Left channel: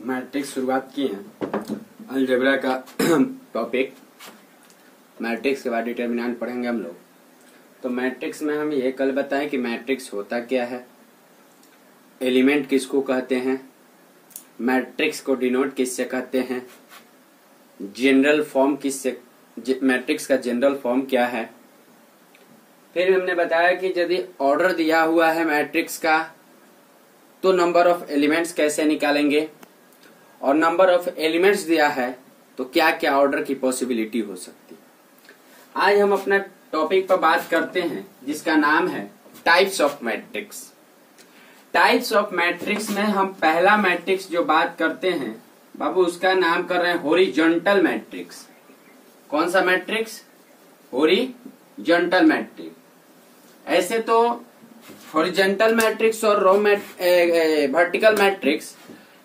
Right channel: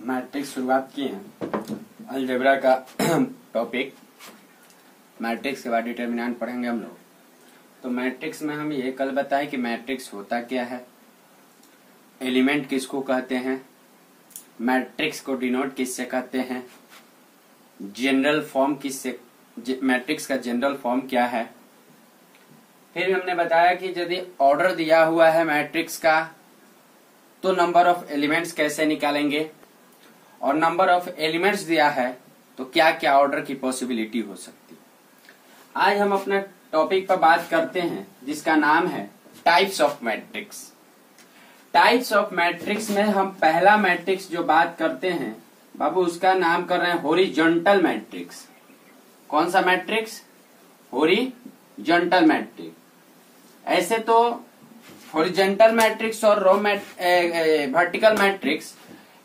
Matrix शुरुआत की है। अलजेब्रा का टॉपिक मैट्रिक्स के बाद डिटर्मिनेंट पढ़ेंगे हम लोग। तो मैट्रिक्स में हम ये कल बताएं कि मैट्रिक्स होता क्या है, एलिमेंट किसको कहते हैं, मैट्रिक्स को डिनोट किससे कहते हैं, जनरल फॉर्म किससे, मैट्रिक्स का जनरल फॉर्म क्या है। फिर हमने बताया कि यदि ऑर्डर दिया हुआ है मैट्रिक्स का तो नंबर ऑफ एलिमेंट्स कैसे निकालेंगे, और नंबर ऑफ एलिमेंट्स दिया है तो क्या क्या ऑर्डर की पॉसिबिलिटी हो सकती है। आज हम अपना टॉपिक पर बात करते हैं जिसका नाम है types of matrix. Types of matrix में हम पहला मैट्रिक्स जो बात करते हैं बाबू उसका नाम कर रहे हैं हॉरिजॉन्टल मैट्रिक्स। कौन सा मैट्रिक्स? Horizontal matrix. ऐसे तो हॉरिजॉन्टल मैट्रिक्स और वर्टिकल मैट्रिक्स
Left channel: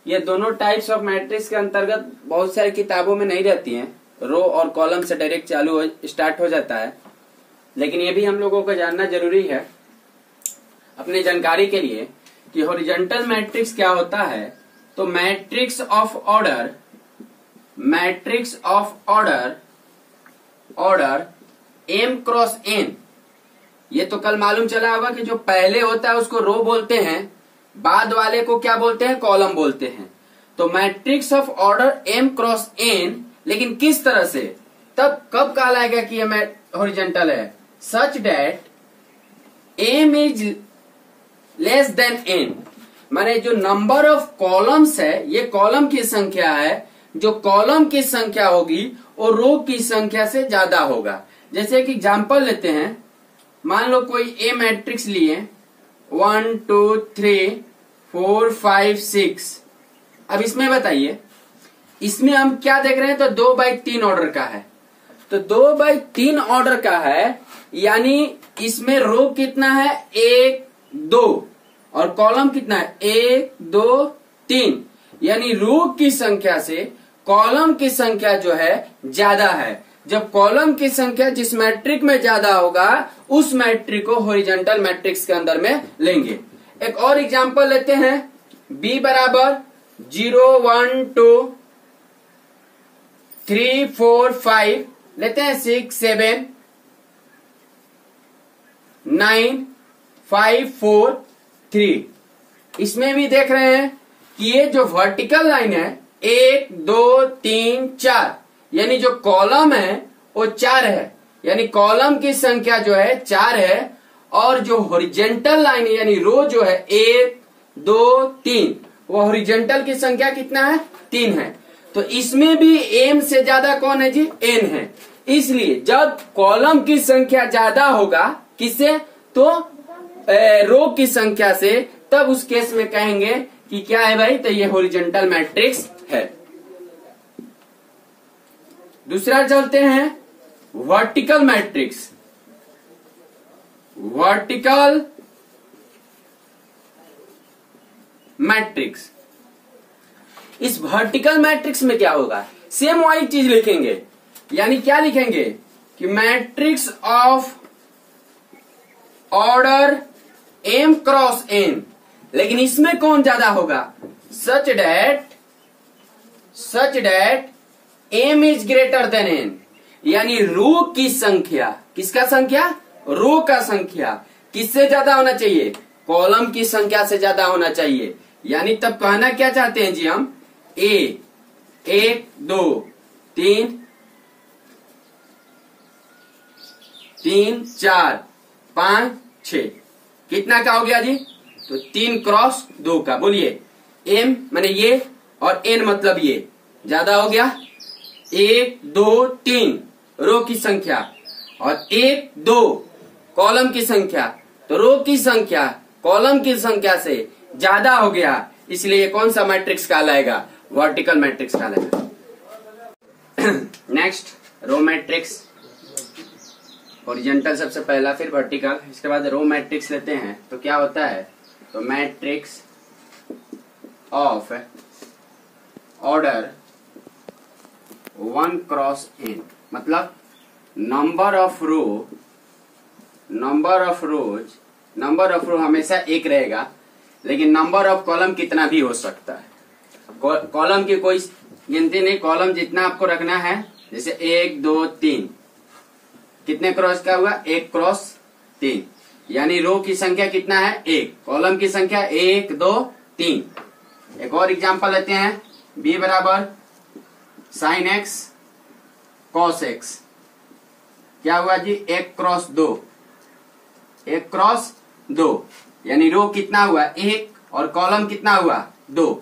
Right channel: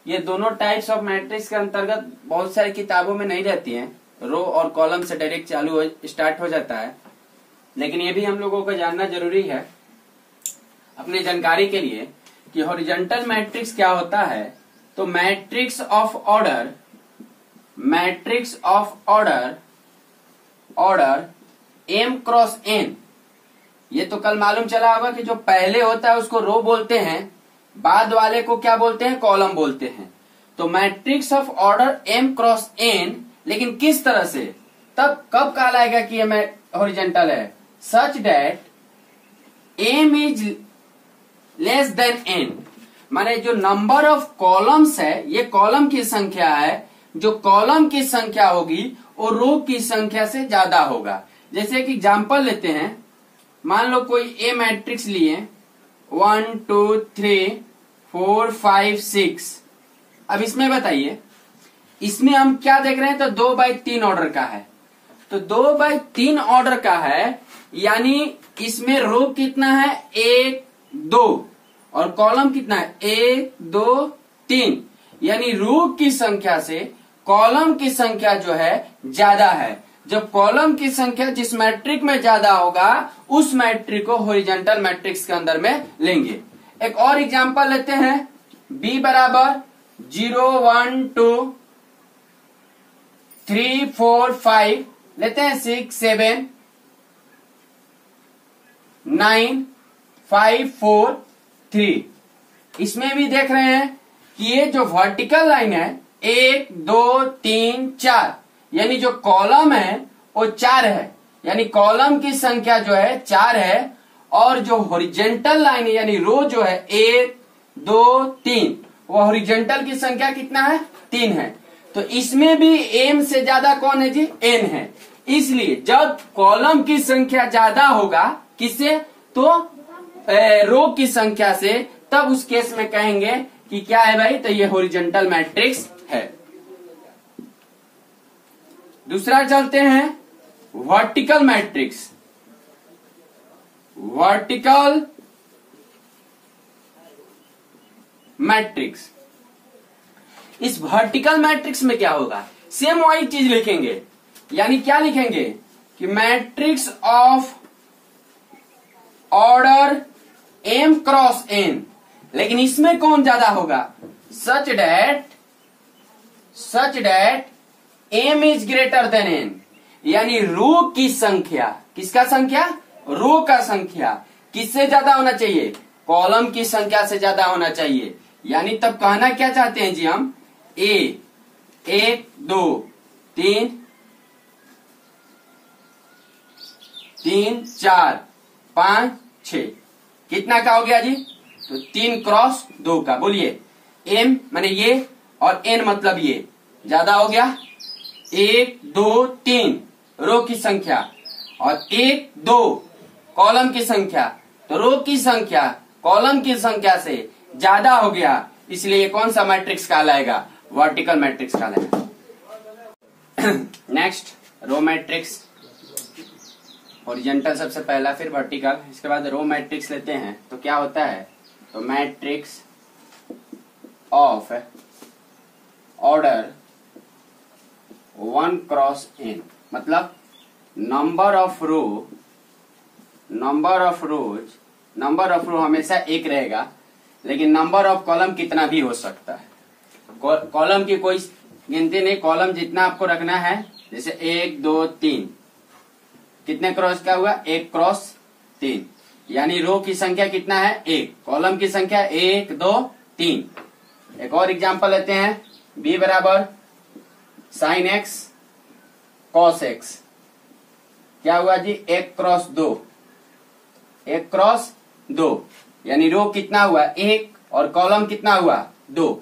ये दोनों टाइप्स ऑफ मैट्रिक्स के अंतर्गत बहुत सारी किताबों में नहीं रहती हैं। रो और कॉलम से डायरेक्ट स्टार्ट हो जाता है, लेकिन ये भी हम लोगों को जानना जरूरी है अपनी जानकारी के लिए कि हॉरिजॉन्टल मैट्रिक्स क्या होता है। तो matrix of order m cross n, ये तो कल मालूम चला होगा कि जो पहले होता है उसको रो बोलते हैं, बाद वाले को क्या बोलते हैं? कॉलम बोलते हैं। तो matrix of order m cross n, लेकिन किस तरह से, तब कब कहलाएगा कि ये हॉरिजॉन्टल है? Such that m is less than n, माने जो नंबर ऑफ कॉलम्स है ये कॉलम की संख्या है, जो कॉलम की संख्या होगी वो रो की संख्या से ज्यादा होगा। जैसे कि एग्जांपल लेते हैं, मान लो कोई ए मैट्रिक्स लिए 1 2 3 4 5 6। अब इसमें बताइए, इसमें हम क्या देख रहे हैं? तो 2/3 ऑर्डर का है। तो 2/3 ऑर्डर का है, यानी इसमें रो कितना है? 1 2, और कॉलम कितना है? 1 2 3, यानी रो की संख्या से कॉलम की संख्या जो है ज्यादा है। जब कॉलम की संख्या जिस मैट्रिक में ज्यादा होगा उस मैट्रिक को हॉरिजॉन्टल मैट्रिक्स के अंदर में लेंगे। एक और एग्जांपल लेते हैं, b बराबर 0 1 2 3 4 5, लेते हैं 6 7 9 5 4 3। इसमें भी देख रहे हैं कि ये जो वर्टिकल लाइन है 1 2 3 4, यानी जो कॉलम है वो 4 है, यानी कॉलम की संख्या जो है 4 है, और जो हॉरिजॉन्टल लाइन है यानी रो जो है 1 2 3, वो हॉरिजॉन्टल की संख्या कितना है? 3 है। तो इसमें भी m से ज्यादा कौन है जी? n है। इसलिए जब कॉलम की संख्या ज्यादा होगा किससे? तो रो की संख्या से, तब उस केस में कहेंगे कि क्या है भाई? तो ये हॉरिजॉन्टल मैट्रिक्स है। दूसरा चलते हैं वर्टिकल मैट्रिक्स। वर्टिकल मैट्रिक्स, इस वर्टिकल मैट्रिक्स में क्या होगा? सेम वही चीज लिखेंगे, यानी क्या लिखेंगे कि matrix of order m cross n, लेकिन इसमें कौन ज्यादा होगा? Such that m is greater than n, यानी रो की संख्या, किसका संख्या? रो का संख्या किससे ज्यादा होना चाहिए? कॉलम की संख्या से ज्यादा होना चाहिए। यानी तब कहना क्या चाहते हैं जी हम? a 1 2 3 3 4 5 6, कितना का हो गया जी? तो 3 क्रॉस 2 का। बोलिए m माने ये, और n मतलब ये, ज्यादा हो गया। 1 2 3 रो की संख्या, और 1 2 कॉलम की संख्या, तो रो की संख्या कॉलम की संख्या से ज्यादा हो गया, इसलिए कौन सा मैट्रिक्स कहलाएगा? वर्टिकल मैट्रिक्स कहलाएगा। Next row matrix. हॉरिजॉन्टल सबसे पहला, फिर वर्टिकल, इसके बाद रो मैट्रिक्स लेते हैं। तो क्या होता है? तो matrix of order 1 cross n, मतलब नंबर ऑफ रो हमेशा 1 रहेगा, लेकिन नंबर ऑफ कॉलम कितना भी हो सकता है। कॉलम की कोई गिनती नहीं, कॉलम जितना आपको रखना है, जैसे 1 2 3, कितने क्रॉस का हुआ, 1 क्रॉस 3, यानी रो की संख्या कितना है, 1, कॉलम की संख्या 1 2 3। एक और एग्जांपल लेते हैं, b बराबर sin x cos x, क्या हुआ जी, 1 क्रॉस 2, 1 क्रॉस 2, यानी रो कितना हुआ 1 और कॉलम कितना हुआ 2,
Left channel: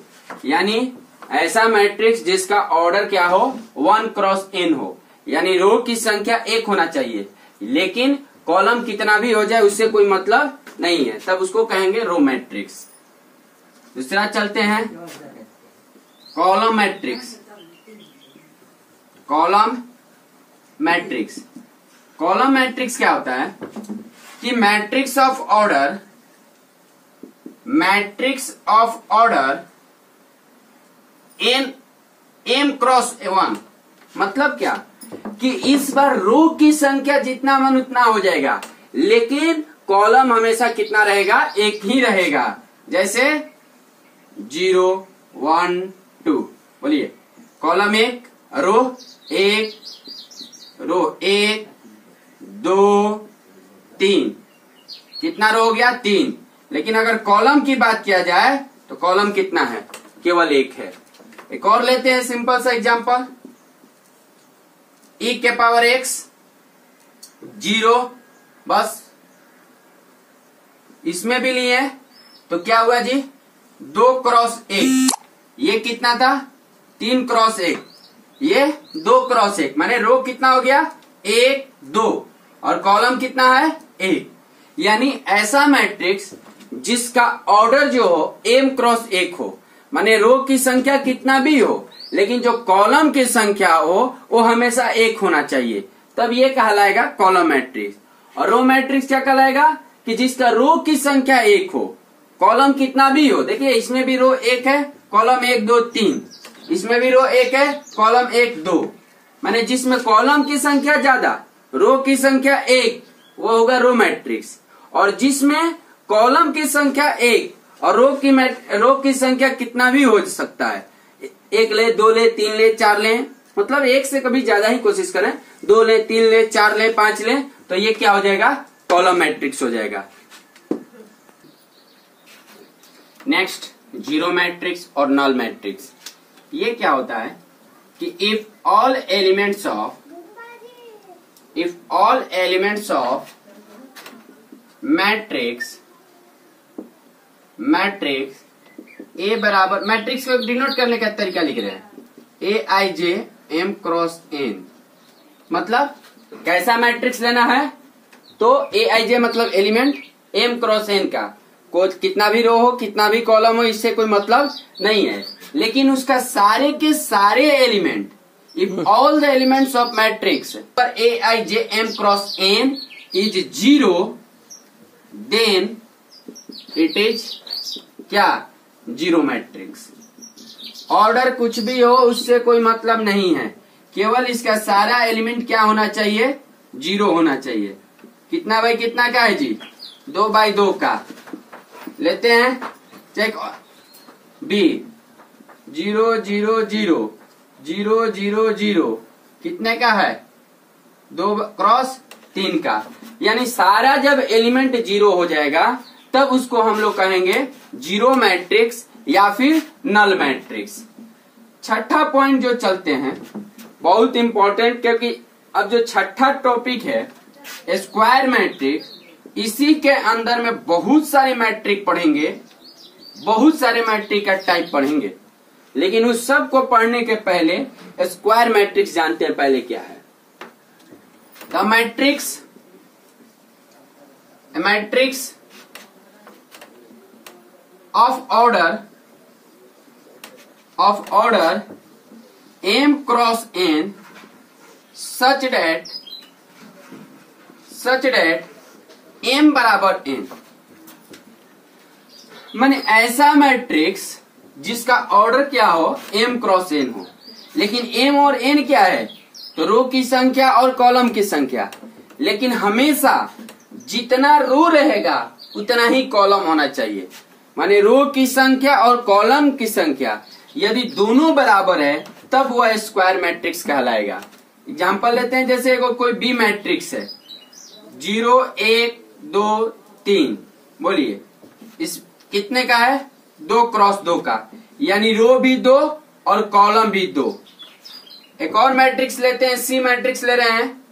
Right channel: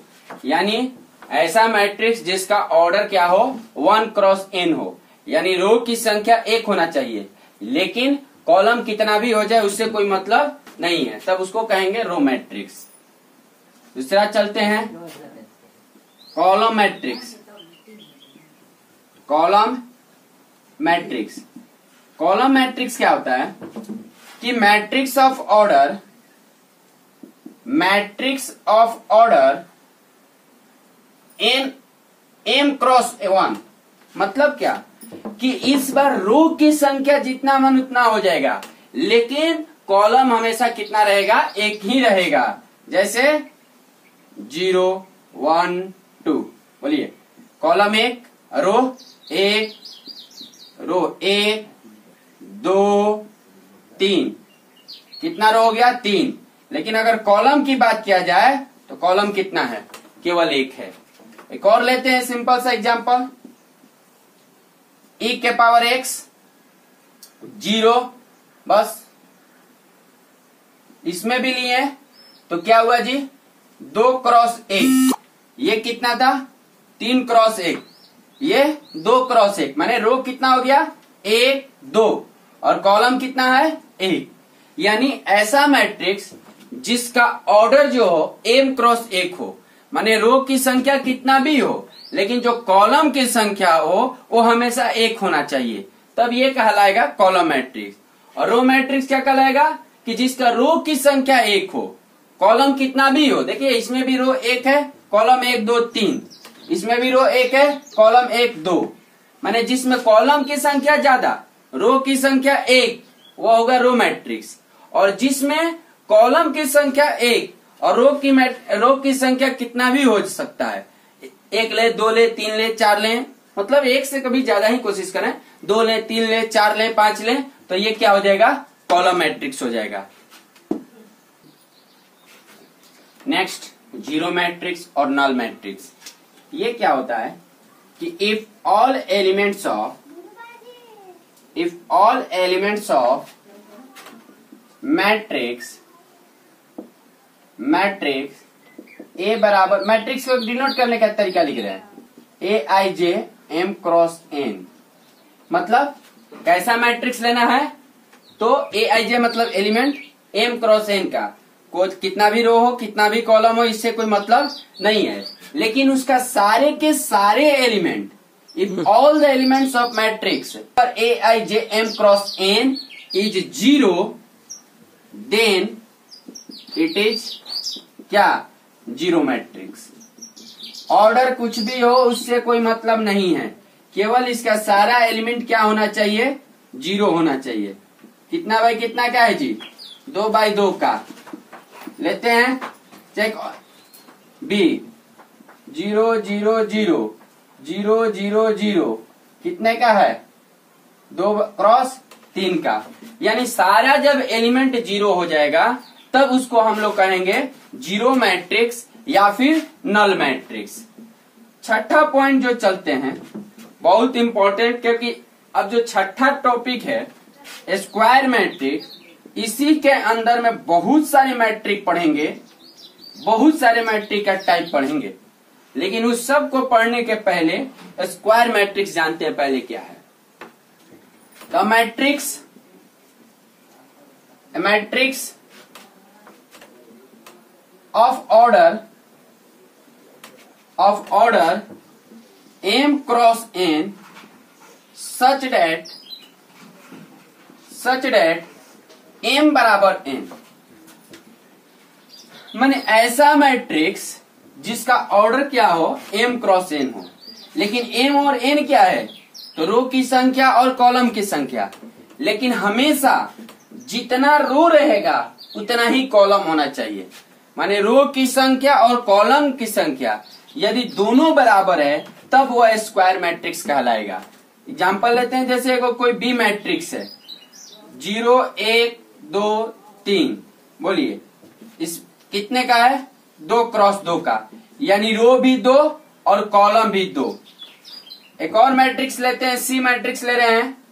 यानी ऐसा मैट्रिक्स जिसका ऑर्डर क्या हो 1 क्रॉस n हो, यानी रो की संख्या 1 होना चाहिए, लेकिन कॉलम कितना भी हो जाए उससे कोई मतलब नहीं है, तब उसको कहेंगे रो मैट्रिक्स। दूसरा चलते हैं, column matrix. Column matrix, column matrix क्या होता है कि matrix of order, matrix of order m cross 1, मतलब क्या कि इस बार रो की संख्या जितना मन उतना हो जाएगा, लेकिन कॉलम हमेशा कितना रहेगा, 1 ही रहेगा। जैसे 0 1 2, बोलिए कॉलम 1, रो 1, रो 1 2 3, कितना रो हो गया 3, लेकिन अगर कॉलम की बात किया जाए तो कॉलम कितना है, केवल 1 है। एक और लेते हैं सिंपल सा एग्जांपल, e के पावर x 0, बस इसमें भी लिए तो क्या हुआ जी, 2 क्रॉस 1, ये कितना था 3 क्रॉस 1, ये 2 क्रॉस 1, माने रो कितना हो गया 1 2 और कॉलम कितना है 1, यानी ऐसा मैट्रिक्स जिसका ऑर्डर जो हो m क्रॉस 1 हो, माने रो की संख्या कितना भी हो, लेकिन जो कॉलम की संख्या हो वो हमेशा 1 होना चाहिए, तब ये कहलाएगा कॉलम मैट्रिक्स। और रो मैट्रिक्स क्या कहलाएगा कि जिसका रो की संख्या 1 हो, कॉलम कितना भी हो, देखिए इसमें भी रो 1 है, कॉलम 1 2 3, इसमें भी रो 1 है, कॉलम 1 2, माने जिसमें कॉलम की संख्या ज्यादा, रो की संख्या 1, वो होगा रो मैट्रिक्स। और जिसमें कॉलम की संख्या 1 और रो की संख्या कितना भी हो सकता है, 1 ले 2 ले 3 ले 4 ले, मतलब 1 से कभी ज्यादा ही कोशिश करें, 2 ले 3 ले 4 ले 5 ले, तो ये क्या हो जाएगा, कॉलम मैट्रिक्स हो जाएगा। नेक्स्ट, जीरो मैट्रिक्स और नल मैट्रिक्स। ये क्या होता है कि if all elements of matrix A बराबर, मैट्रिक्स को डिनोट करने का तरीका लिख रहे हैं, AIJ M क्रॉस n, मतलब कैसा मैट्रिक्स लेना है, तो AIJ मतलब एलिमेंट, M क्रॉस n का कोई कितना भी रो हो कितना भी कॉलम हो, इससे कोई मतलब नहीं है, लेकिन उसका सारे के सारे element, if all the elements of matrix पर AIJ M cross n is 0, then it is क्या, जीरो मैट्रिक्स। ऑर्डर कुछ भी हो उससे कोई मतलब नहीं है, केवल इसका सारा एलिमेंट क्या होना चाहिए, 0 होना चाहिए। कितना बाई कितना का है जी, 2 बाई 2 का। लेते हैं चेक, B 0 0 0 0 0 0, कितने का है, 2 क्रॉस 3 का, यानी सारा जब एलिमेंट 0 हो जाएगा तब उसको हम लोग कहेंगे जीरो मैट्रिक्स या फिर नल मैट्रिक्स। छठा पॉइंट जो चलते हैं बहुत इंपॉर्टेंट, क्योंकि अब जो छठा टॉपिक है स्क्वायर मैट्रिक्स, इसी के अंदर में बहुत सारे मैट्रिक पढ़ेंगे, बहुत सारे मैट्रिक का टाइप पढ़ेंगे, लेकिन उस सब को पढ़ने के पहले स्क्वायर मैट्रिक्स जानते हैं पहले क्या है। The matrix of order m cross n such that m बराबर n, माने ऐसा मैट्रिक्स जिसका ऑर्डर क्या हो m क्रॉस n हो, लेकिन m और n क्या है, तो रो की संख्या और कॉलम की संख्या, लेकिन हमेशा जितना रो रहेगा उतना ही कॉलम होना चाहिए, माने रो की संख्या और कॉलम की संख्या, यदि दोनों बराबर है तब वह स्क्वायर मैट्रिक्स कहलाएगा। एग्जाम्पल लेते हैं, जैसे कोई बी मैट्रिक्स है 0 1 2 3, बोलिए इस कितने का है? 2 क्रॉस 2 का, यानी रो भी 2 और कॉलम भी 2। एक और मैट्रिक्स लेते हैं, सी मैट्रिक्स ले रहे हैं,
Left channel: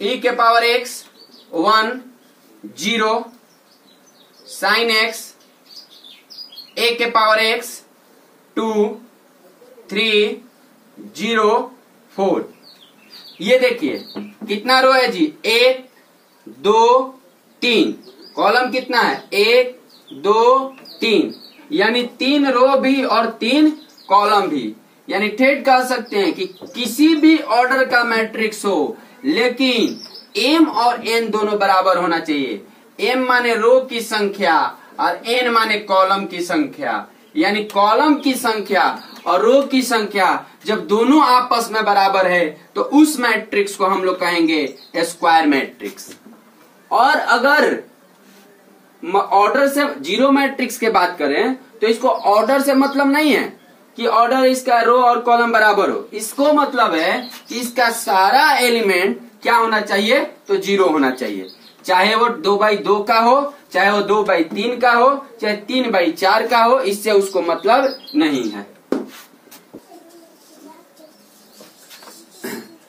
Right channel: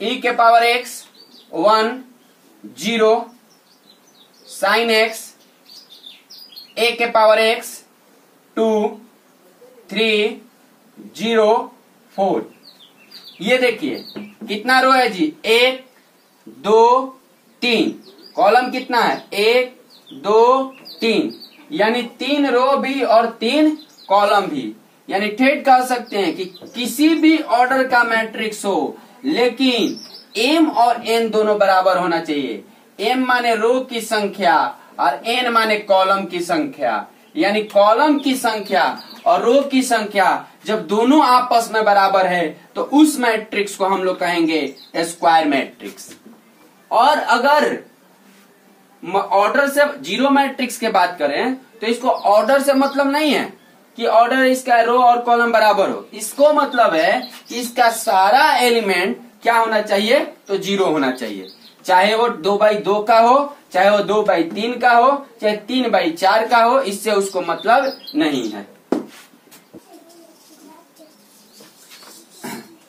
e के power x 1 0 sin x, a के पावर x 2 3 0 4। ये देखिए कितना रो है जी? 1 2 3। कॉलम कितना है? 1 2 3, यानी 3 रो भी और 3 कॉलम भी। यानी ठेठ कह सकते हैं कि किसी भी ऑर्डर का मैट्रिक्स हो लेकिन m और n दोनों बराबर होना चाहिए। m माने रो की संख्या और n माने कॉलम की संख्या, यानी कॉलम की संख्या और रो की संख्या जब दोनों आपस में बराबर है तो उस मैट्रिक्स को हम लोग कहेंगे स्क्वायर मैट्रिक्स। और अगर ऑर्डर से जीरो मैट्रिक्स की बात करें तो इसको ऑर्डर से मतलब नहीं है कि ऑर्डर इसका रो और कॉलम बराबर हो, इसको मतलब है कि इसका सारा एलिमेंट क्या होना चाहिए? तो 0 होना चाहिए। चाहे वो 2/2 का हो, चाहे वो 2/3 का हो, चाहे 3/4 का हो, इससे उसको मतलब नहीं है।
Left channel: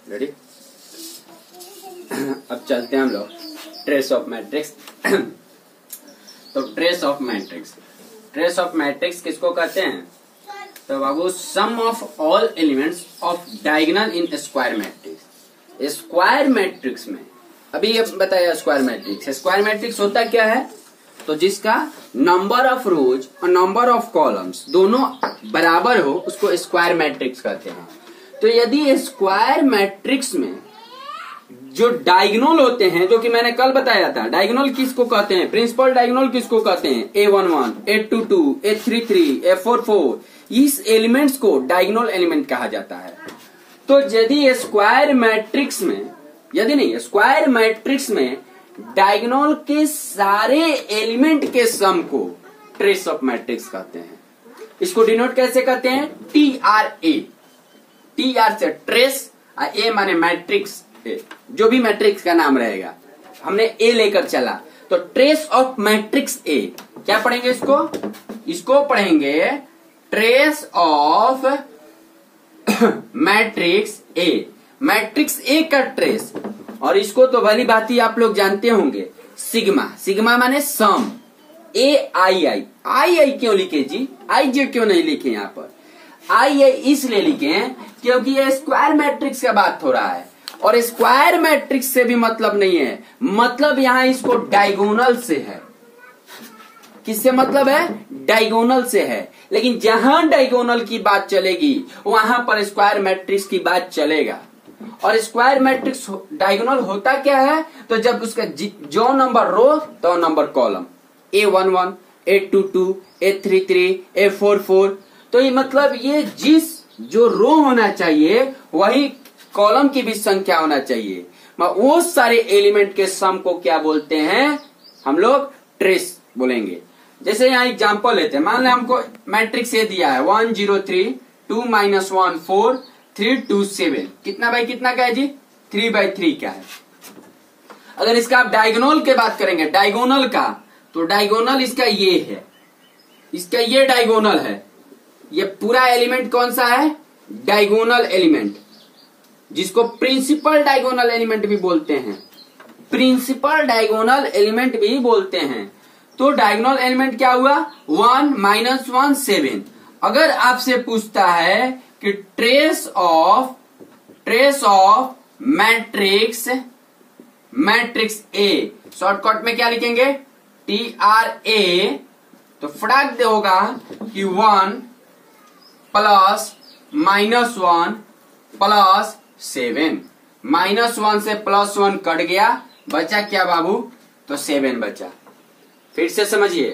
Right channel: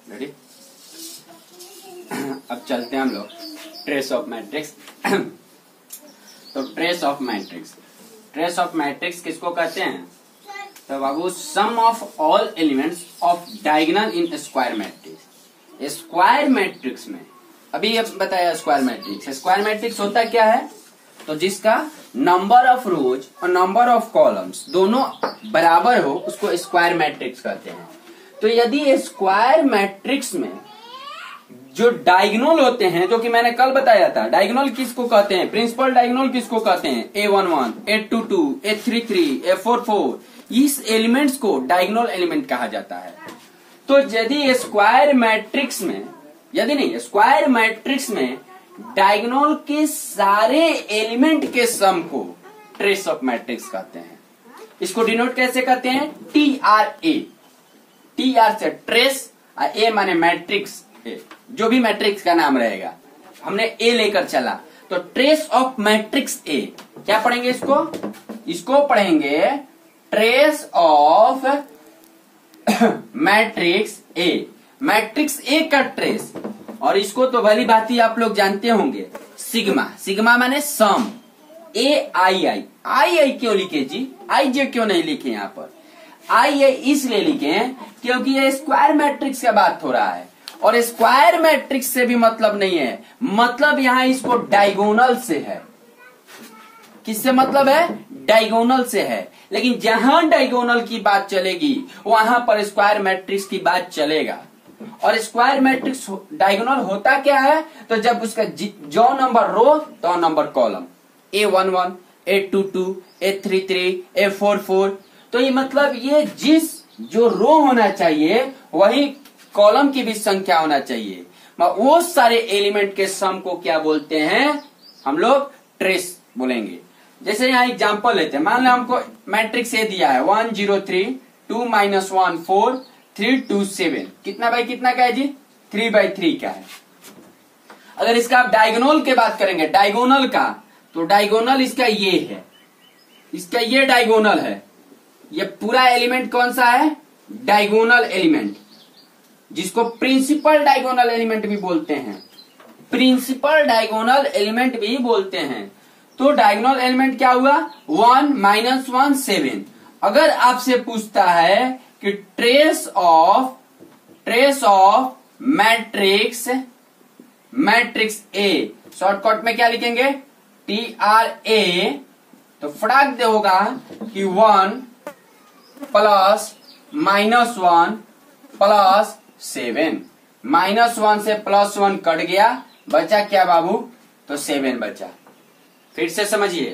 रेडी? अब चलते हैं हम लोग ट्रेस ऑफ मैट्रिक्स। तो ट्रेस ऑफ मैट्रिक्स किसको कहते हैं? तो बाबू sum of all elements of diagonal in square matrix. Square matrix में अभी ये बताया स्क्वायर मैट्रिक्स होता क्या है? तो जिसका नंबर ऑफ रोज और नंबर ऑफ कॉलम्स दोनों बराबर हो उसको स्क्वायर मैट्रिक्स कहते हैं। तो यदि स्क्वायर मैट्रिक्स में जो डायगोनल होते हैं, जो कि मैंने कल बताया था, डायगोनल किसको कहते हैं? प्रिंसिपल डायगोनल किसको कहते हैं? A11, A22, A33, A44, इस एलिमेंट्स को डायगोनल एलिमेंट कहा जाता है। तो यदि स्क्वायर मैट्रिक्स में डायगोनल के सारे एलिमेंट के सम को ट्रेस ऑफ मैट्रिक्स कहते हैं। इसको डिनोट कैसे करते हैं? TRA। TR से ट्रेस और A माने मैट्रिक्स, जो भी मैट्रिक्स का नाम रहेगा, हमने A लेकर चला तो ट्रेस ऑफ मैट्रिक्स A। क्या पढ़ेंगे इसको पढ़ेंगे trace of matrix A। Matrix A का ट्रेस, और इसको तो भली भांति आप लोग जानते होंगे, सिग्मा माने सम। आई क्यों लिखे जी? IJ क्यों नहीं लिखे यहाँ पर? आई इसलिए लिखे क्योंकि ये स्क्वायर मैट्रिक्स का बात हो रहा है, और स्क्वायर मैट्रिक्स से भी मतलब नहीं है, मतलब यहाँ इसको डायगोनल से है। किससे मतलब है? डायगोनल से है। लेकिन जहां डायगोनल की बात चलेगी वहां पर स्क्वायर मैट्रिक्स की बात चलेगा। और स्क्वायर मैट्रिक्स डायगोनल होता क्या है? तो जब उसका जो नंबर रो तो number column, A11, A22, A33, A44, तो ये मतलब ये जो रो होना चाहिए वही कॉलम की भी संख्या होना चाहिए। वो सारे एलिमेंट के सम को क्या बोलते हैं? हम लोग ट्रेस बोलेंगे। जैसे यहाँ एग्जांपल लेते हैं, मान लो हमको मैट्रिक्स ये दिया है 1 0 3 2 -1 4 3 2 7, कितना बाई कितना का है जी? 3/3 का है। अगर इसका आप डायगोनल की बात करेंगे, डायगोनल का, तो डायगोनल इसका ये है, इसका ये डायगोनल है। ये पूरा एलिमेंट कौन सा है? डायगोनल एलिमेंट, जिसको प्रिंसिपल डायगोनल एलिमेंट भी बोलते हैं। प्रिंसिपल डायगोनल एलिमेंट भी बोलते हैं। तो डायगोनल एलिमेंट क्या हुआ? 1 -1 7। अगर आपसे पूछता है कि trace of matrix A, shortcut में क्या लिखेंगे? TRA। तो फटाक दे होगा कि 1 + -1 + 7। -1 से +1 कट गया, बचा क्या बाबू? तो 7 बचा। फिर से समझिए,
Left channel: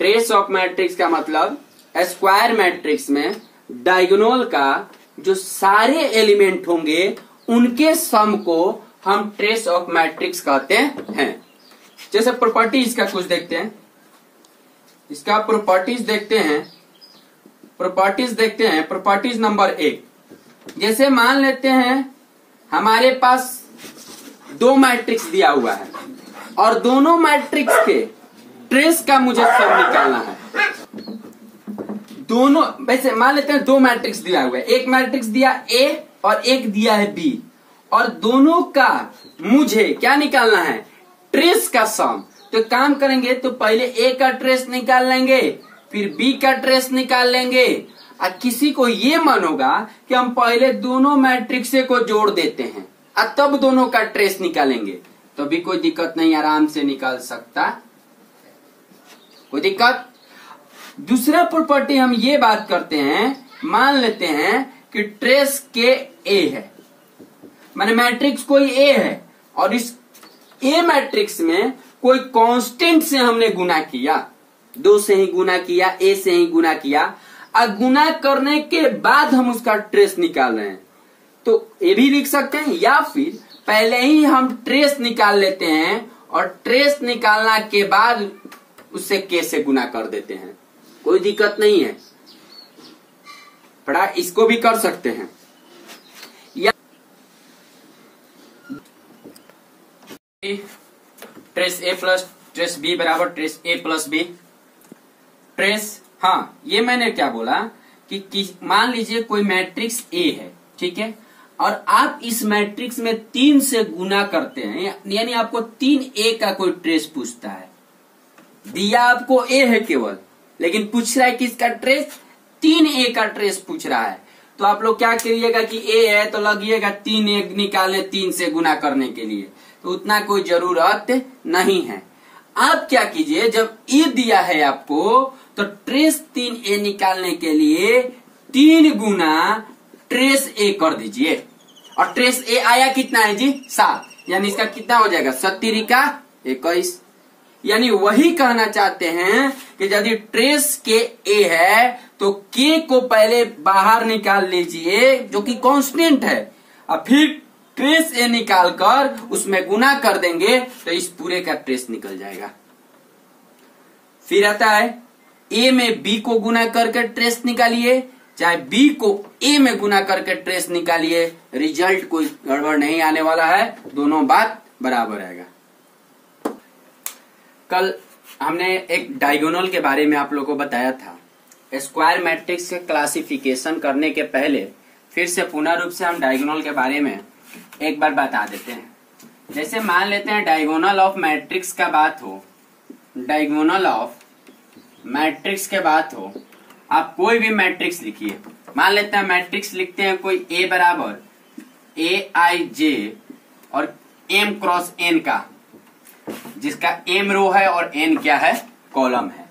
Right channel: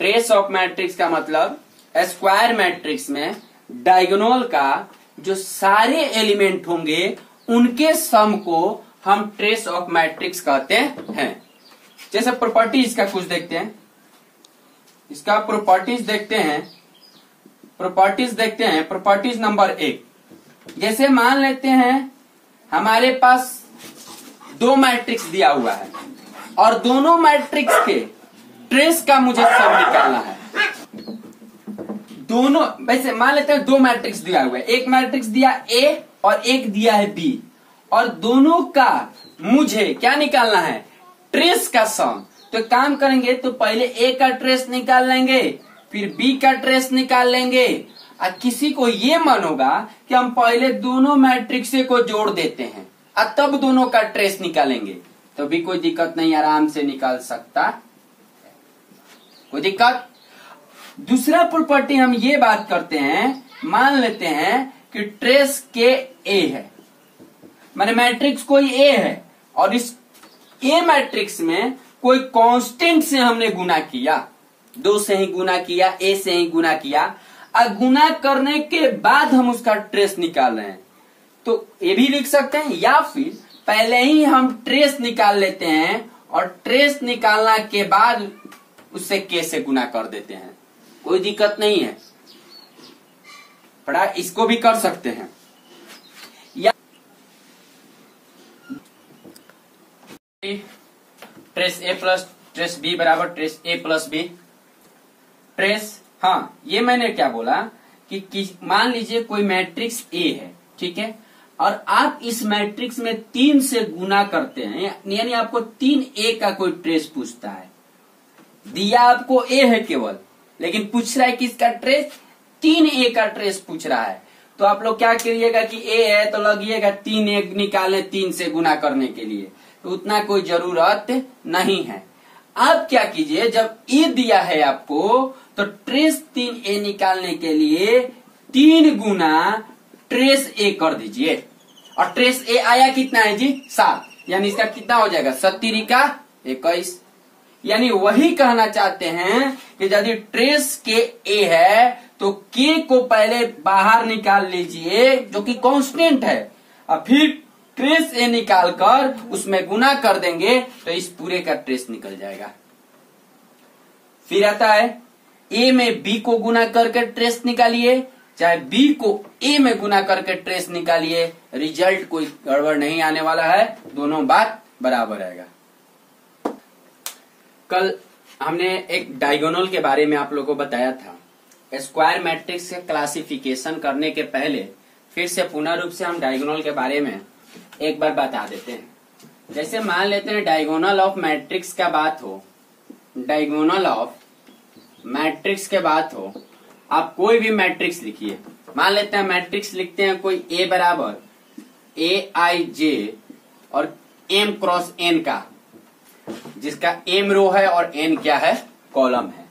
ट्रेस ऑफ मैट्रिक्स का मतलब स्क्वायर मैट्रिक्स में डायगोनल का जो सारे एलिमेंट होंगे उनके सम को हम ट्रेस ऑफ मैट्रिक्स कहते हैं। जैसे प्रॉपर्टी इसका कुछ देखते हैं, इसका प्रॉपर्टीज देखते हैं। प्रॉपर्टीज देखते हैं। प्रॉपर्टीज नंबर 1, जैसे मान लेते हैं हमारे पास 2 मैट्रिक्स दिया हुआ है और दोनों मैट्रिक्स के ट्रेस का मुझे सम निकालना है। दोनों, वैसे मान लेते हैं 2 मैट्रिक्स दिया हुआ है, एक मैट्रिक्स दिया A और एक दिया है B, और दोनों का मुझे क्या निकालना है, ट्रेस का सम। तो काम करेंगे तो पहले A का ट्रेस निकाल लेंगे, फिर B का ट्रेस निकाल लेंगे। और किसी को ये मन होगा कि हम पहले दोनों मैट्रिक्स को जोड़ देते हैं और तब दोनों का ट्रेस निकालेंगे, तो भी कोई दिक्कत नहीं, आराम से निकाल सकता, कोई दिक्कत। दूसरा प्रॉपर्टी हम ये बात करते हैं, मान लेते हैं कि ट्रेस के A है, माने मैट्रिक्स कोई A है और इस A मैट्रिक्स में कोई कांस्टेंट से हमने गुना किया, 2 से ही गुना किया, A से ही गुना किया, और गुना करने के बाद हम उसका ट्रेस निकाल रहे हैं, तो ये भी लिख सकते हैं, या फिर पहले ही हम ट्रेस निकाल लेते हैं और ट्रेस निकालना के बाद उससे K से गुना कर देते हैं, कोई दिक्कत नहीं है, पढ़ा, इसको भी कर सकते हैं। या trace A plus trace B बराबर trace A plus B। Trace, हाँ, ये मैंने क्या बोला कि मान लीजिए कोई मैट्रिक्स A है, ठीक है, और आप इस मैट्रिक्स में 3 से गुना करते हैं, यानी आपको 3A का कोई ट्रेस पूछता है, दिया आपको A है केवल, लेकिन पूछ रहा है कि इसका ट्रेस 3A का ट्रेस पूछ रहा है, तो आप लोग क्या करिएगा कि A है तो लगिएगा 3A निकाले 3 से गुना करने के लिए, तो उतना कोई जरूरत नहीं है। आप क्या कीजिए, जब A दिया है आपको तो ट्रेस 3A निकालने के लिए 3 गुना ट्रेस A कर दीजिए, और ट्रेस A आया कितना है जी, 7, यानी इसका कितना हो जाएगा, 7 का 21। यानी वही कहना चाहते हैं कि यदि ट्रेस के A है तो K को पहले बाहर निकाल लीजिए जो कि कांस्टेंट है, और फिर ट्रेस A निकालकर उसमें गुना कर देंगे तो इस पूरे का ट्रेस निकल जाएगा। फिर आता है A में B को गुना करके ट्रेस निकालिए, चाहे B को A में गुना करके ट्रेस निकालिए, रिजल्ट कोई गड़बड़ नहीं आने वाला है, दोनों बात बराबर रहेगा। कल हमने एक डायगोनल के बारे में आप लोगों को बताया था। स्क्वायर मैट्रिक्स के क्लासिफिकेशन करने के पहले फिर से पुनः रूप से हम डायगोनल के बारे में एक बार बता देते हैं। जैसे मान लेते हैं डायगोनल ऑफ मैट्रिक्स का बात हो, डायगोनल ऑफ मैट्रिक्स के बात हो, आप कोई भी मैट्रिक्स लिखिए, मान लेते हैं मैट्रिक्स लिखते हैं कोई A बराबर AIJ और M क्रॉस N का, जिसका M रो है और N क्या है, कॉलम है।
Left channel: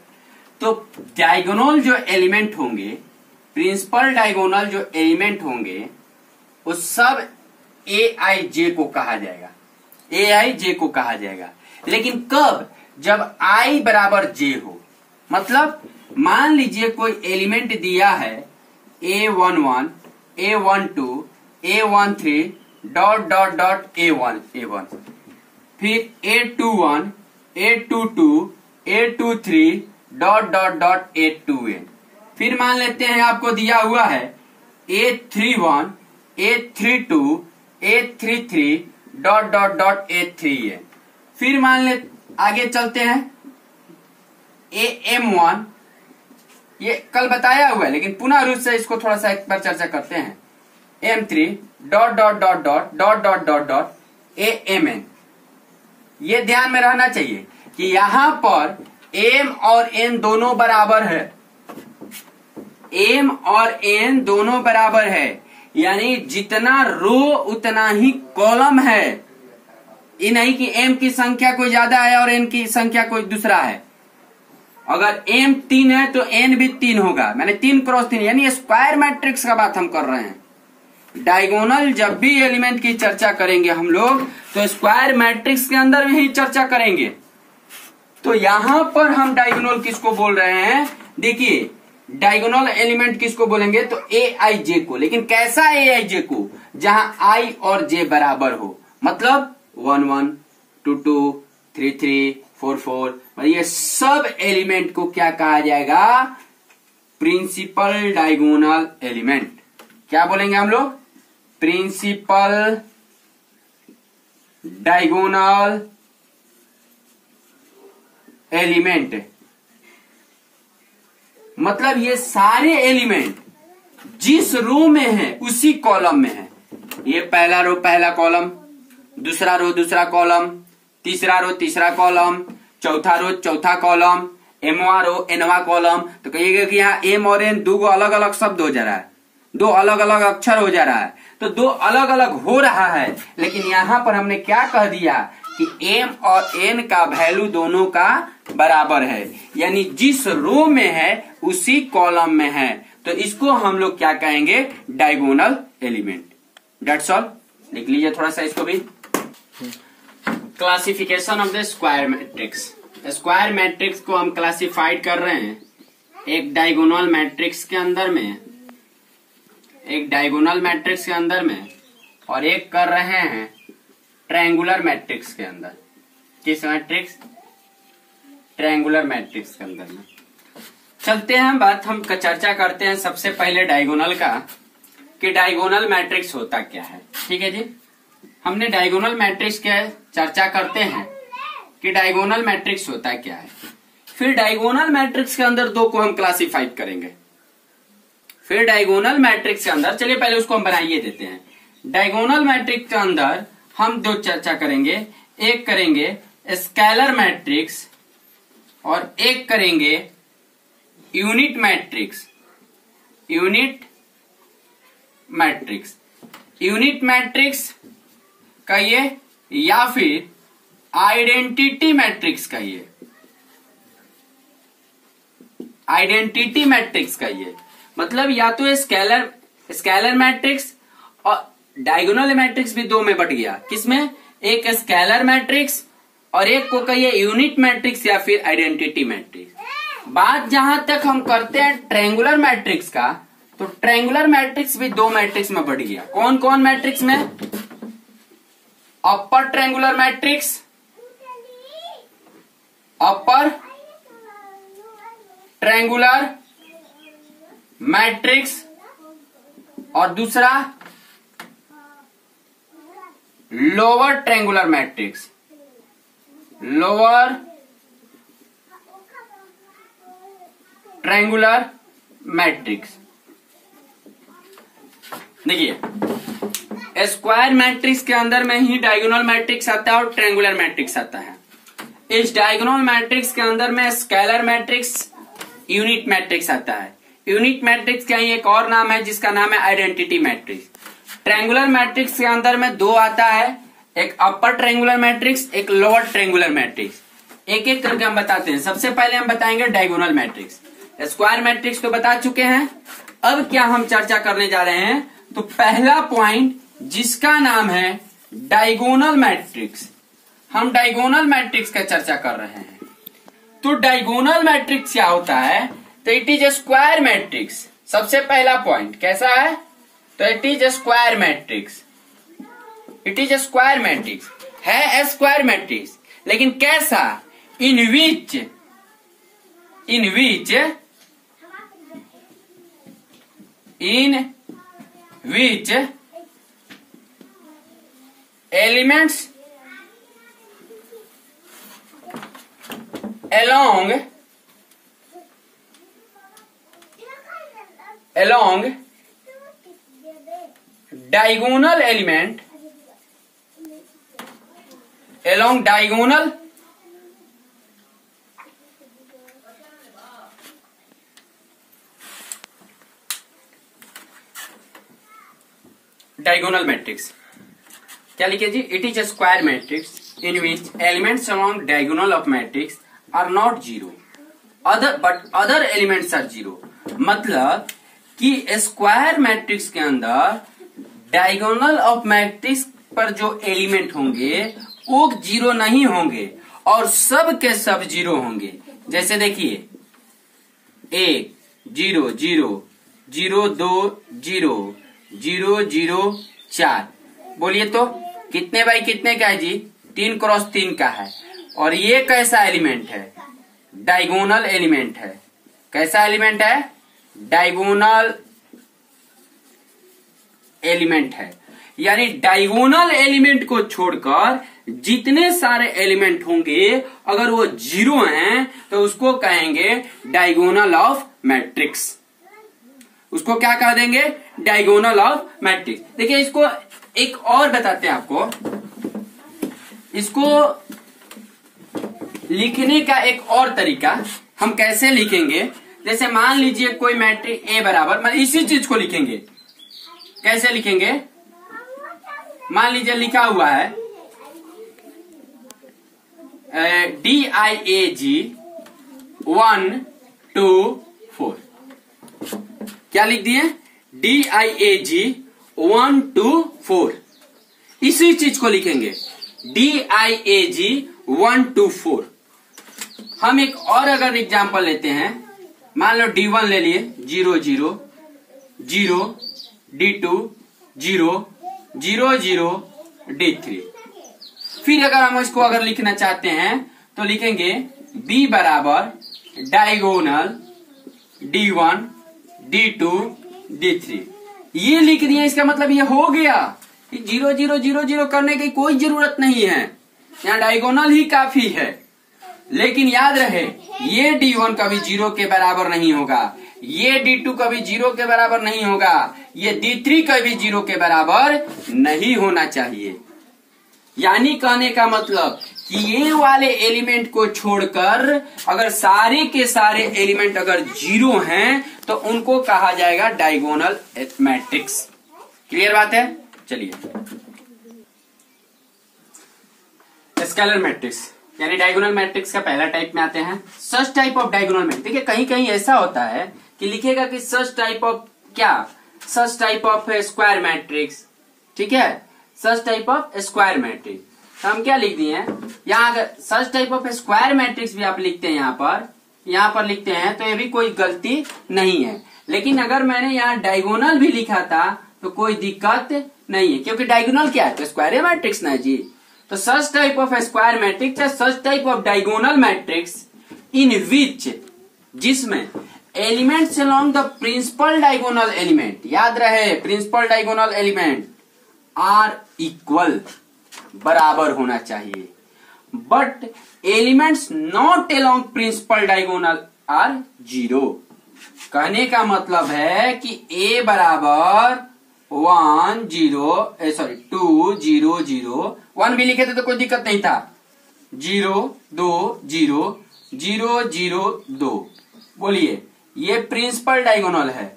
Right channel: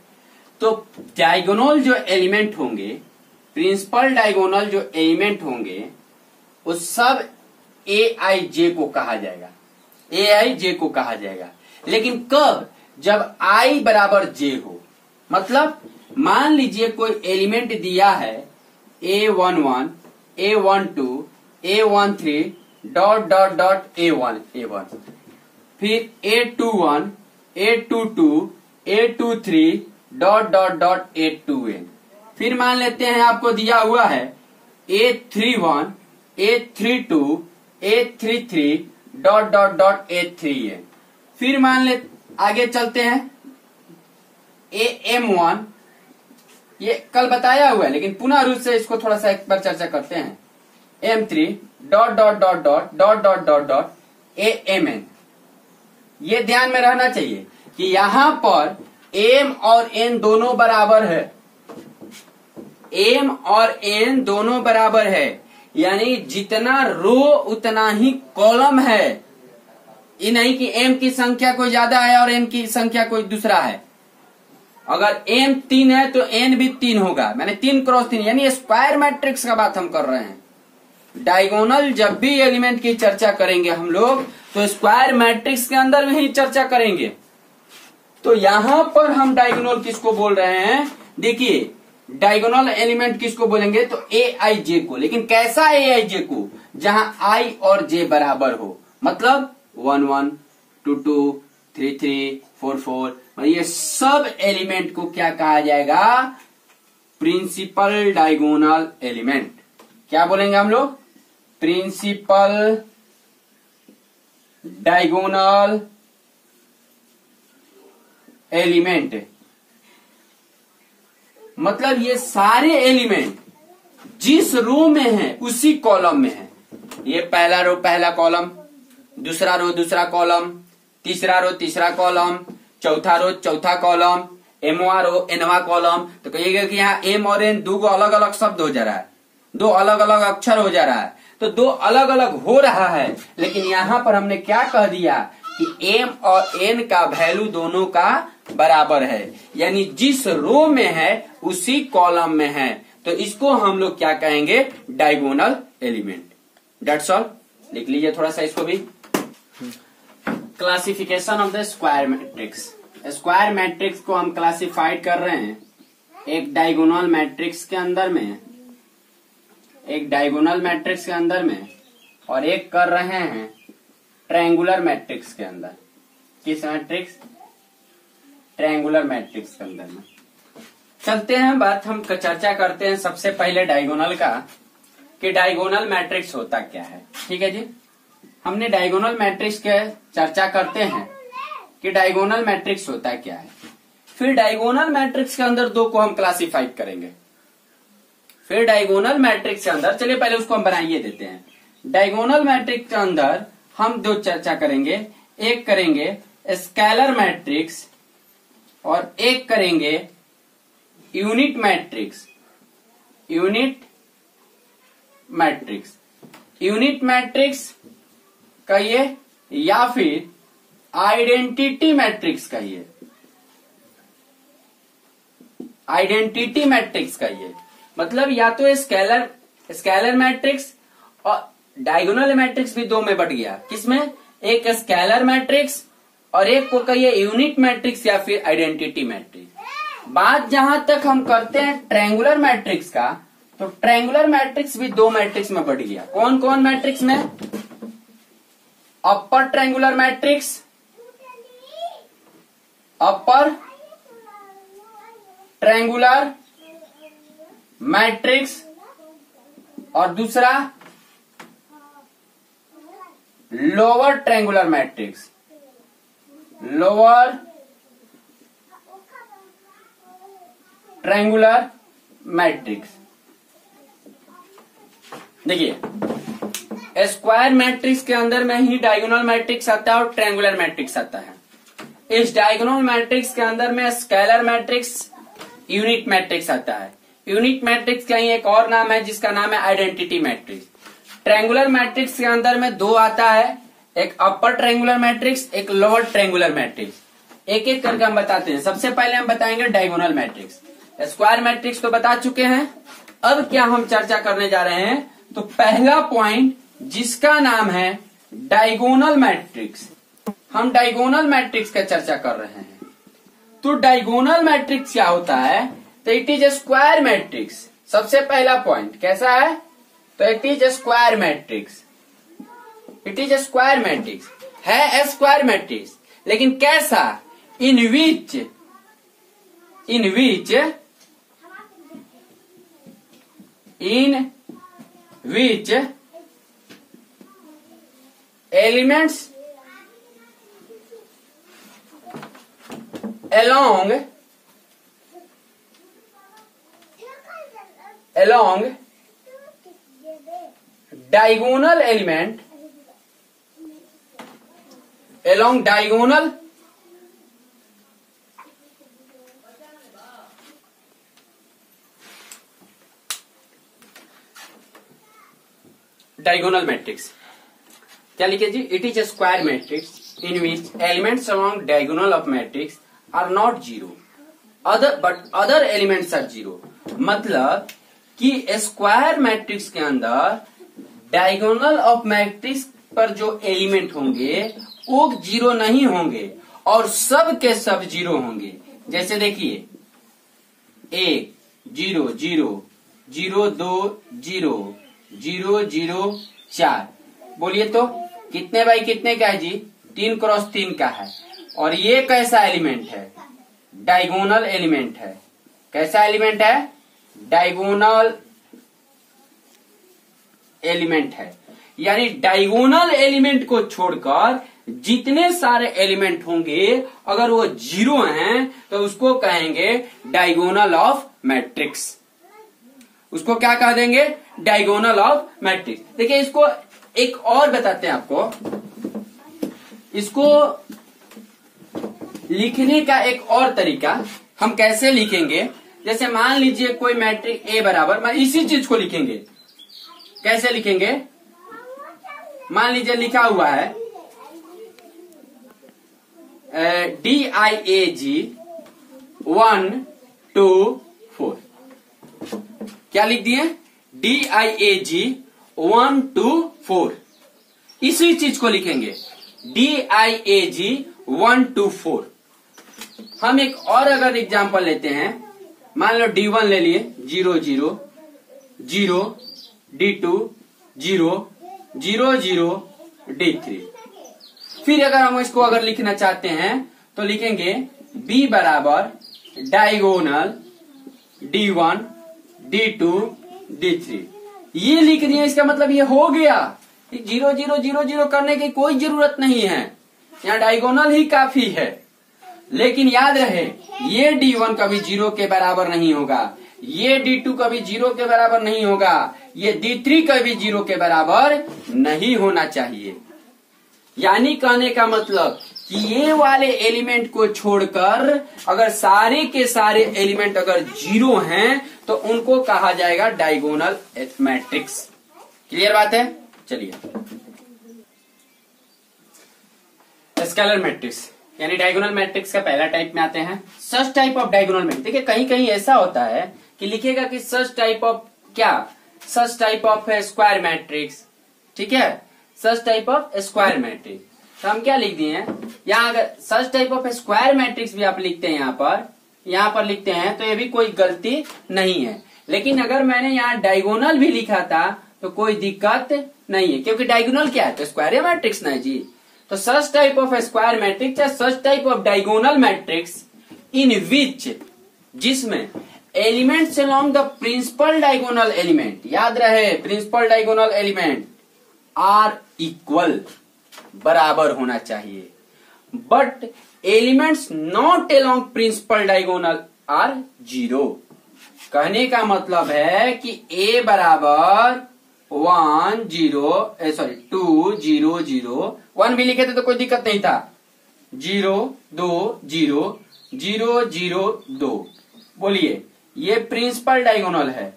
तो डायगोनल जो एलिमेंट होंगे, प्रिंसिपल डायगोनल जो एलिमेंट होंगे, वो सब AIJ को कहा जाएगा, AIJ को कहा जाएगा। लेकिन कब, जब I बराबर J हो, मतलब मान लीजिए कोई एलिमेंट दिया है A11, A12, A13 dot dot dot A1, फिर A21, A22, A23 dot dot dot A2n, फिर मान लेते हैं आपको दिया हुआ है A31, A32, A33 dot dot dot A3n, फिर मान ले आगे चलते हैं AM1, ये कल बताया हुआ है लेकिन पुनः रूप से इसको थोड़ा सा एक बार चर्चा करते हैं, M3 dot dot dot dot dot dot dot dot AMN। ये ध्यान में रहना चाहिए कि यहां पर M और N दोनों बराबर है, M और N दोनों बराबर है, यानी जितना रो उतना ही कॉलम है। ये नहीं कि M की संख्या कोई ज्यादा है और N की संख्या कोई दूसरा है। अगर M 3 है तो N भी 3 होगा, मैंने 3 क्रॉस 3, यानी स्क्वायर मैट्रिक्स का बात हम कर रहे हैं। डायगोनल जब भी एलिमेंट की चर्चा करेंगे हम लोग तो स्क्वायर मैट्रिक्स के अंदर भी चर्चा करेंगे। तो यहां पर हम डायगोनल किसको बोल रहे हैं, देखिए डायगोनल एलिमेंट किसको बोलेंगे तो AIJ को, लेकिन कैसा AIJ को, जहां I और J बराबर हो, मतलब 1 1 2 2 3 3 4 4, ये सब एलिमेंट को क्या कहा जाएगा, प्रिंसिपल डायगोनल एलिमेंट। क्या बोलेंगे हम लोग? Principal diagonal element. मतलब ये सारे एलिमेंट जिस रो में है उसी कॉलम में है। ये पहला रो पहला कॉलम, दूसरा रो दूसरा कॉलम, तीसरा रो तीसरा कॉलम, चौथा रो चौथा कॉलम, एमवा रो एनवा कॉलम। तो कहिएगा कि यहाँ एम और एन दो अलग अलग शब्द हो जा रहा है, दो अलग अलग अक्षर हो जा रहा है, तो दो अलग अलग हो रहा है। लेकिन यहाँ पर हमने क्या कह दिया कि एम और एन का वैल्यू दोनों का बराबर है, यानी जिस रो में है उसी कॉलम में है। तो इसको हम लोग क्या कहेंगे? Diagonal element. That's all. लिख लीजिए थोड़ा सा इसको भी। Classification of the square matrix. Square matrix को हम क्लासिफाइड कर रहे हैं एक डायगोनल मैट्रिक्स के अंदर में, एक डायगोनल मैट्रिक्स के अंदर में, और एक कर रहे हैं ट्रायंगुलर मैट्रिक्स के अंदर। किस मैट्रिक्स? ट्रायंगुलर मैट्रिक्स के अंदर में। चलते हैं बात, हम चर्चा करते हैं सबसे पहले डायगोनल का, कि डायगोनल मैट्रिक्स होता क्या है। ठीक है जी, हमने डायगोनल मैट्रिक्स के चर्चा करते हैं कि डायगोनल मैट्रिक्स होता क्या है। फिर डायगोनल मैट्रिक्स के अंदर दो को हम क्लासिफाइड करेंगे। फिर डायगोनल मैट्रिक्स के अंदर, चलिए पहले उसको हम बनाइए देते हैं। डायगोनल मैट्रिक्स के अंदर हम दो चर्चा करेंगे, एक करेंगे स्केलर मैट्रिक्स और एक करेंगे unit matrix. Unit matrix, unit matrix कहिए या फिर आइडेंटिटी मैट्रिक्स कहिए। आइडेंटिटी मैट्रिक्स कहिए, मतलब या तो स्केलर मैट्रिक्स, और डायगोनल मैट्रिक्स भी दो में बट गया। किसमें? एक स्केलर मैट्रिक्स और एक को कहिए यूनिट मैट्रिक्स या फिर आइडेंटिटी मैट्रिक्स। बात जहां तक हम करते हैं ट्रायंगुलर मैट्रिक्स का, तो ट्रायंगुलर मैट्रिक्स भी दो मैट्रिक्स में बढ़ गया। कौन कौन मैट्रिक्स में? Upper triangular matrix, upper triangular matrix, और दूसरा lower triangular matrix. Lower triangular matrix. देखिए, स्क्वायर मैट्रिक्स के अंदर में ही डायगोनल मैट्रिक्स आता है और ट्रायंगुलर मैट्रिक्स आता है। इस डायगोनल मैट्रिक्स के अंदर में स्केलर मैट्रिक्स, यूनिट मैट्रिक्स आता है। यूनिट मैट्रिक्स का ही एक और नाम है जिसका नाम है आइडेंटिटी मैट्रिक्स। ट्रायंगुलर मैट्रिक्स के अंदर में दो आता है, एक अपर ट्रायंगुलर मैट्रिक्स, एक लोअर ट्रायंगुलर मैट्रिक्स। एक एक करके हम बताते हैं। सबसे पहले हम बताएंगे डायगोनल मैट्रिक्स। स्क्वायर मैट्रिक्स तो बता चुके हैं, अब क्या हम चर्चा करने जा रहे हैं? तो पहला पॉइंट जिसका नाम है डायगोनल मैट्रिक्स। हम डायगोनल मैट्रिक्स का चर्चा कर रहे हैं। तो डायगोनल मैट्रिक्स क्या होता है? तो it is a square matrix. सबसे पहला पॉइंट कैसा है? तो it is a square matrix. It is a square matrix है, स्क्वायर मैट्रिक्स, लेकिन कैसा? In which elements along diagonal element along diagonal diagonal matrix क्या लिखे जी? It is a square matrix in which elements along diagonal of matrix are not zero but other elements are zero. मतलब कि square matrix के अंदर diagonal of matrix पर जो element होंगे वो जीरो नहीं होंगे और सब के सब जीरो होंगे। जैसे देखिए 1 0 0 0 2 0 0 0 4। बोलिए तो कितने बाई कितने का है जी? 3 क्रॉस 3 का है। और ये कैसा एलिमेंट है? डायगोनल एलिमेंट है। कैसा एलिमेंट है? डायगोनल एलिमेंट है, यानी डायगोनल एलिमेंट को छोड़कर जितने सारे एलिमेंट होंगे अगर वो जीरो हैं तो उसको कहेंगे डायगोनल ऑफ मैट्रिक्स। उसको क्या कह देंगे? Diagonal of matrix. देखिए इसको एक और बताते हैं आपको, इसको लिखने का एक और तरीका हम कैसे लिखेंगे। जैसे मान लीजिए कोई मैट्रिक्स ए बराबर, मैं इसी चीज को लिखेंगे, कैसे लिखेंगे? मान लीजिए लिखा हुआ है DIAG 1 2 4। क्या लिख दिए? DIAG 1 2 4। इसी चीज को लिखेंगे DIAG 1 2 4। हम एक और अगर एग्जांपल लेते हैं, मान लो D1 ले लिए 0 0 0 D2 0 0 0 D3। फिर अगर हम इसको अगर लिखना चाहते हैं तो लिखेंगे B बराबर डायगोनल D1 D2 D3। ये लिख दिए, इसका मतलब ये हो गया। 0 0 0 0 करने की कोई जरूरत नहीं है, यहाँ डायगोनल ही काफी है। लेकिन याद रहे ये D1 कभी 0 के बराबर नहीं होगा, ये D2 कभी 0 के बराबर नहीं होगा, ये D3 कभी 0 के बराबर नहीं होना चाहिए। यानी कहने का मतलब कि ये वाले एलिमेंट को छोड़कर अगर सारे के सारे एलिमेंट अगर 0 हैं तो उनको कहा जाएगा डायगोनल मैट्रिक्स। क्लियर बात है? चलिए, स्केलर मैट्रिक्स यानी डायगोनल मैट्रिक्स का पहला टाइप में आते हैं, सच टाइप ऑफ डायगोनल मैट्रिक्स। देखिए कहीं कहीं ऐसा होता है कि लिखेगा कि सच टाइप ऑफ क्या, सच टाइप ऑफ स्क्वायर मैट्रिक्स। ठीक है, सच टाइप ऑफ स्क्वायर मैट्रिक्स। तो हम क्या लिख दिए हैं यहाँ, अगर सच टाइप ऑफ स्क्वायर मैट्रिक्स भी आप लिखते हैं यहाँ पर लिखते हैं तो ये भी कोई गलती नहीं है। लेकिन अगर मैंने यहाँ डायगोनल भी लिखा था तो कोई दिक्कत नहीं है, क्योंकि डायगोनल क्या है? तो स्क्वायर मैट्रिक्स ना जी। तो such type of square matrix या such type of diagonal matrix in which, जिसमें elements along the principal diagonal element, याद रहे principal diagonal element are equal, बराबर होना चाहिए, but elements not along principal diagonal are 0। कहने का मतलब है कि A बराबर 1 0 सॉरी 2 0 0 1 भी लिखे थे तो कोई दिक्कत नहीं था, 0 2 0 0 0 2। बोलिए ये प्रिंसिपल डायगोनल है,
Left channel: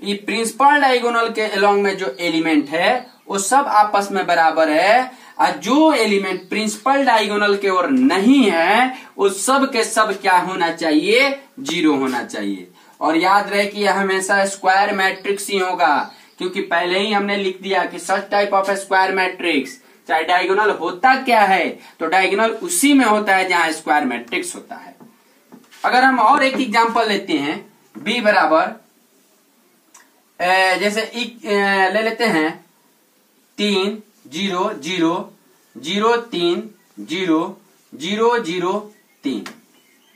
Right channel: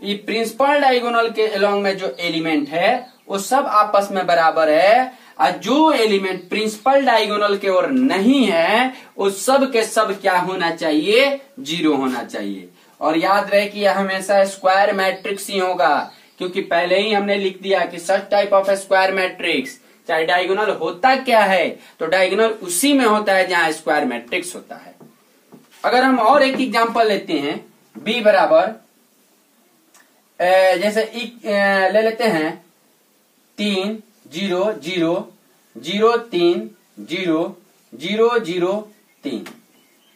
ये प्रिंसिपल डायगोनल के अलोंग में जो एलिमेंट है वो सब आपस में बराबर है, और जो एलिमेंट प्रिंसिपल डायगोनल के ओर नहीं है वो सब के सब क्या होना चाहिए? 0 होना चाहिए। और याद रहे कि यह हमेशा स्क्वायर मैट्रिक्स ही होगा, क्योंकि पहले ही हमने लिख दिया कि सच टाइप ऑफ स्क्वायर मैट्रिक्स चाहे डायगोनल होता क्या है, तो डायगोनल उसी में होता है जहां स्क्वायर मैट्रिक्स होता है। अगर हम और एक एग्जांपल लेते हैं, B बराबर जैसे ले लेते हैं 3 0 0 0 3 0 0 0 3।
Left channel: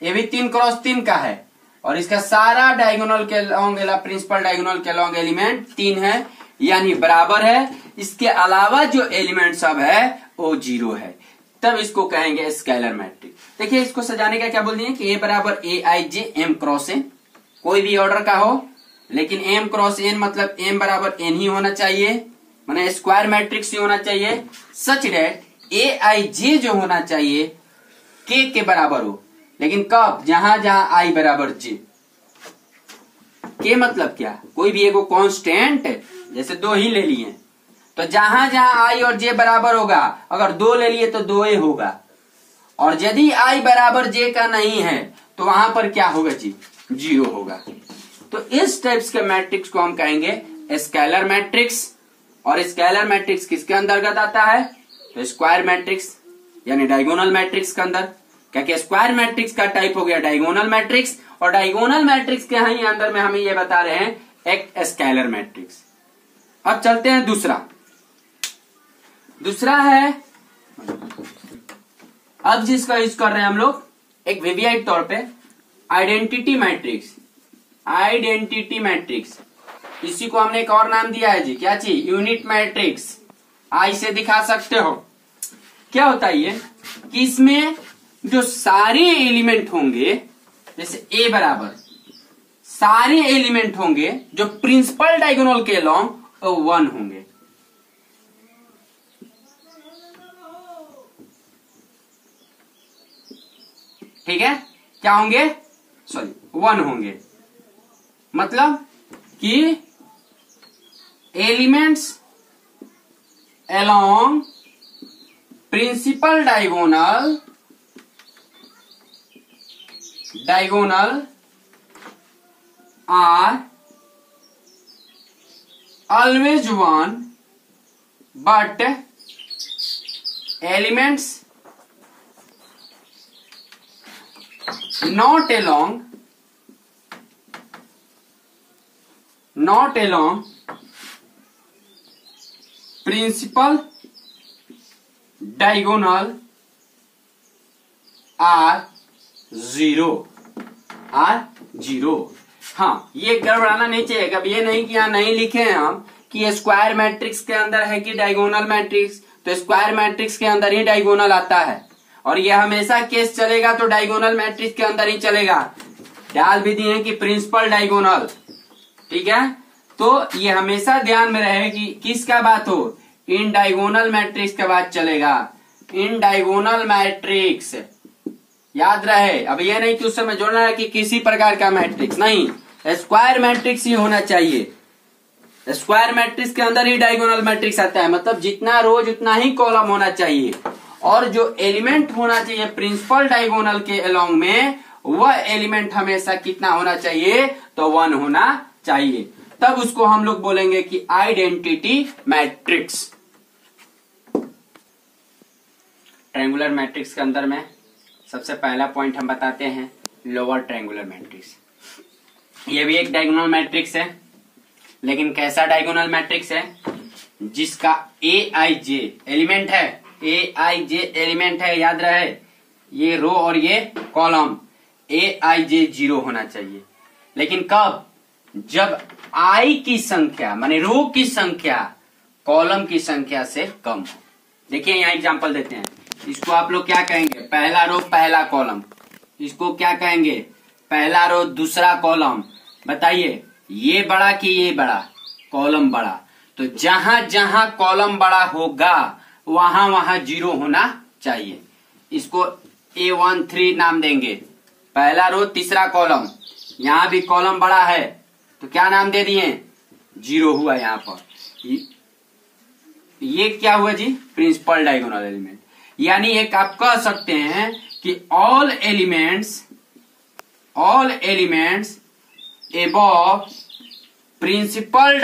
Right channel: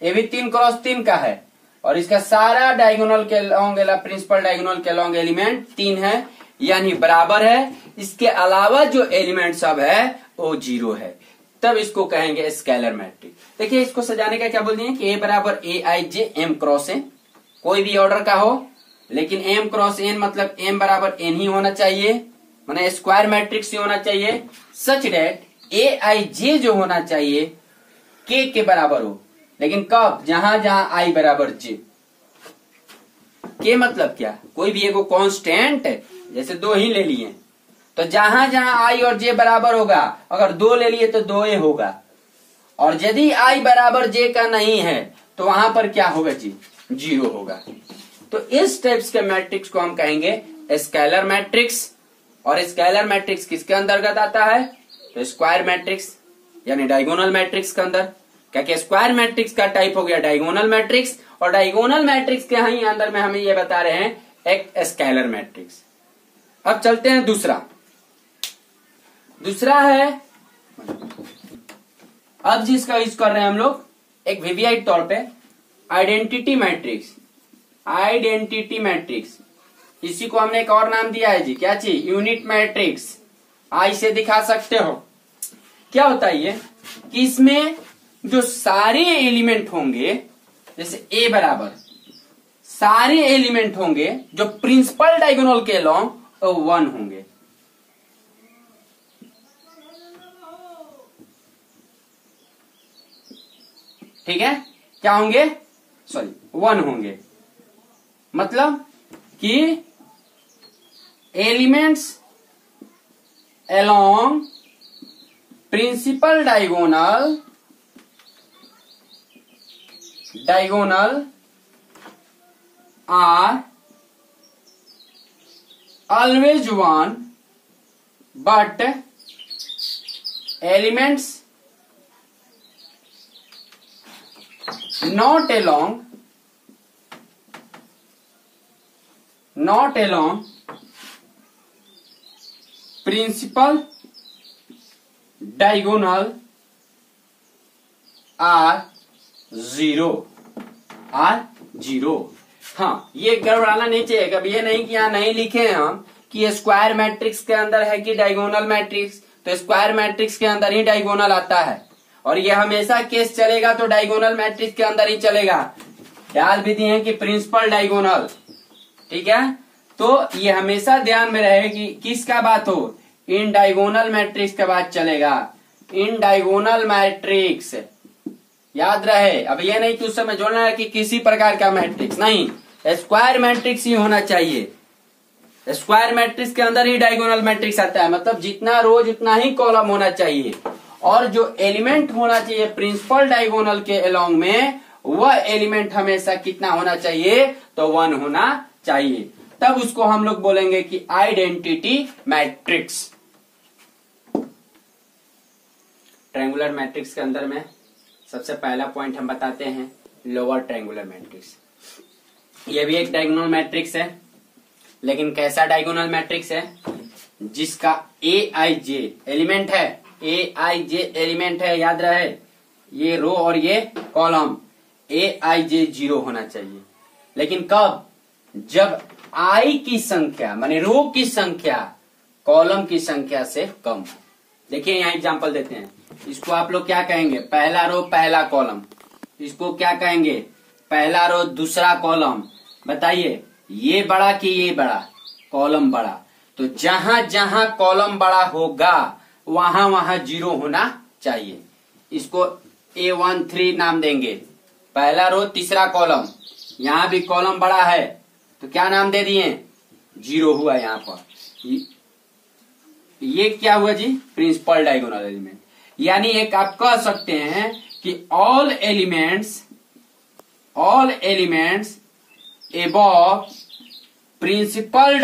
ये भी 3 क्रॉस 3 का है और इसका सारा डायगोनल के लॉन्ग प्रिंसिपल डायगोनल के लॉन्ग एलिमेंट 3 है, यानी बराबर है। इसके अलावा जो एलिमेंट सब है वो 0 है, तब इसको कहेंगे स्केलर मैट्रिक्स। देखिए इसको सजाने का क्या बोल दिए कि A बराबर AIJ M क्रॉस N, कोई भी ऑर्डर का हो, लेकिन M क्रॉस N मतलब M बराबर N ही होना चाहिए, माने स्क्वायर मैट्रिक्स ही होना चाहिए, सच डेट AIJ जो होना चाहिए K के बराबर हो। लेकिन कब? जहां जहां I बराबर J। K मतलब क्या? कोई भी एगो कांस्टेंट, जैसे 2 ही ले लिए तो जहां जहां I और J बराबर होगा, अगर 2 ले लिए तो 2A होगा, और यदि I बराबर J का नहीं है तो वहां पर क्या होगा जी? 0 होगा। तो इस टाइप्स के मैट्रिक्स को हम कहेंगे स्केलर मैट्रिक्स। और स्केलर मैट्रिक्स किसके अंतर्गत आता है? तो स्क्वायर मैट्रिक्स यानी डायगोनल मैट्रिक्स के अंदर, क्योंकि स्क्वायर मैट्रिक्स का टाइप हो गया डायगोनल मैट्रिक्स, और डायगोनल मैट्रिक्स के ही अंदर में हमें ये बता रहे हैं एक स्केलर मैट्रिक्स। अब चलते हैं दूसरा है, अब जिसका यूज कर रहे हैं हम लोग एक वीवीआई तौर पे आइडेंटिटी मैट्रिक्स। आइडेंटिटी मैट्रिक्स, इसी को हमने एक और नाम दिया है जी, क्या चीज, यूनिट मैट्रिक्स। आई से दिखा सकते हो। क्या होता है ये कि इसमें जो सारे एलिमेंट होंगे, जैसे ए बराबर सारे एलिमेंट होंगे जो प्रिंसिपल डायगोनल के अलोंग 1 होंगे। ठीक है, क्या होंगे, सॉरी 1 होंगे। मतलब कि elements along principal diagonal are always 1, but elements not along principal diagonal are 0। हाँ, ये गड़बड़ाना नहीं चाहिए। कभी ये नहीं कि यहाँ नहीं लिखे हैं हम कि स्क्वायर मैट्रिक्स के अंदर है कि डायगोनल मैट्रिक्स, तो स्क्वायर मैट्रिक्स के अंदर ही डायगोनल आता है और ये हमेशा केस चलेगा तो डायगोनल मैट्रिक्स के अंदर ही चलेगा। डाल भी दिए कि प्रिंसिपल डायगोनल, ठीक है, तो ये हमेशा ध्यान में रहे कि किसका बात हो, इन डायगोनल मैट्रिक्स का बात चलेगा। इन डायगोनल मैट्रिक्स याद रहे। अब ये नहीं कि उस समय जोड़ना है कि किसी प्रकार का मैट्रिक्स, नहीं, स्क्वायर मैट्रिक्स ही होना चाहिए। स्क्वायर मैट्रिक्स के अंदर ही डायगोनल मैट्रिक्स आता है, मतलब जितना रो जितना ही कॉलम होना चाहिए और जो एलिमेंट होना चाहिए प्रिंसिपल डायगोनल के अलोंग में, वह एलिमेंट हमेशा कितना होना चाहिए, तो 1 होना चाहिए। तब उसको हम लोग बोलेंगे कि आइडेंटिटी मैट्रिक्स। ट्रायंगुलर मैट्रिक्स के अंदर में सबसे पहला पॉइंट हम बताते हैं लोअर ट्रायंगुलर मैट्रिक्स। ये भी एक डायगोनल मैट्रिक्स है, लेकिन कैसा डायगोनल मैट्रिक्स है, जिसका Aij एलिमेंट है, Aij एलिमेंट है, याद रहे, ये रो और ये कॉलम, Aij 0 होना चाहिए। लेकिन कब, जब आई की संख्या माने रो की संख्या कॉलम की संख्या से कम हो। देखिए यहाँ एग्जांपल देते हैं, इसको आप लोग क्या कहेंगे, पहला रो पहला कॉलम, इसको क्या कहेंगे, पहला रो दूसरा कॉलम। बताइए ये बड़ा कि ये बड़ा, कॉलम बड़ा, तो जहां जहां कॉलम बड़ा होगा वहां वहां 0 होना चाहिए। इसको A13 नाम देंगे, पहला रो तीसरा कॉलम, यहां भी कॉलम बड़ा है तो क्या नाम दे दिए, 0 हुआ यहाँ पर। ये क्या हुआ जी, प्रिंसिपल डायगोनल एलिमेंट। यानी एक आप कह सकते हैं कि all elements above principal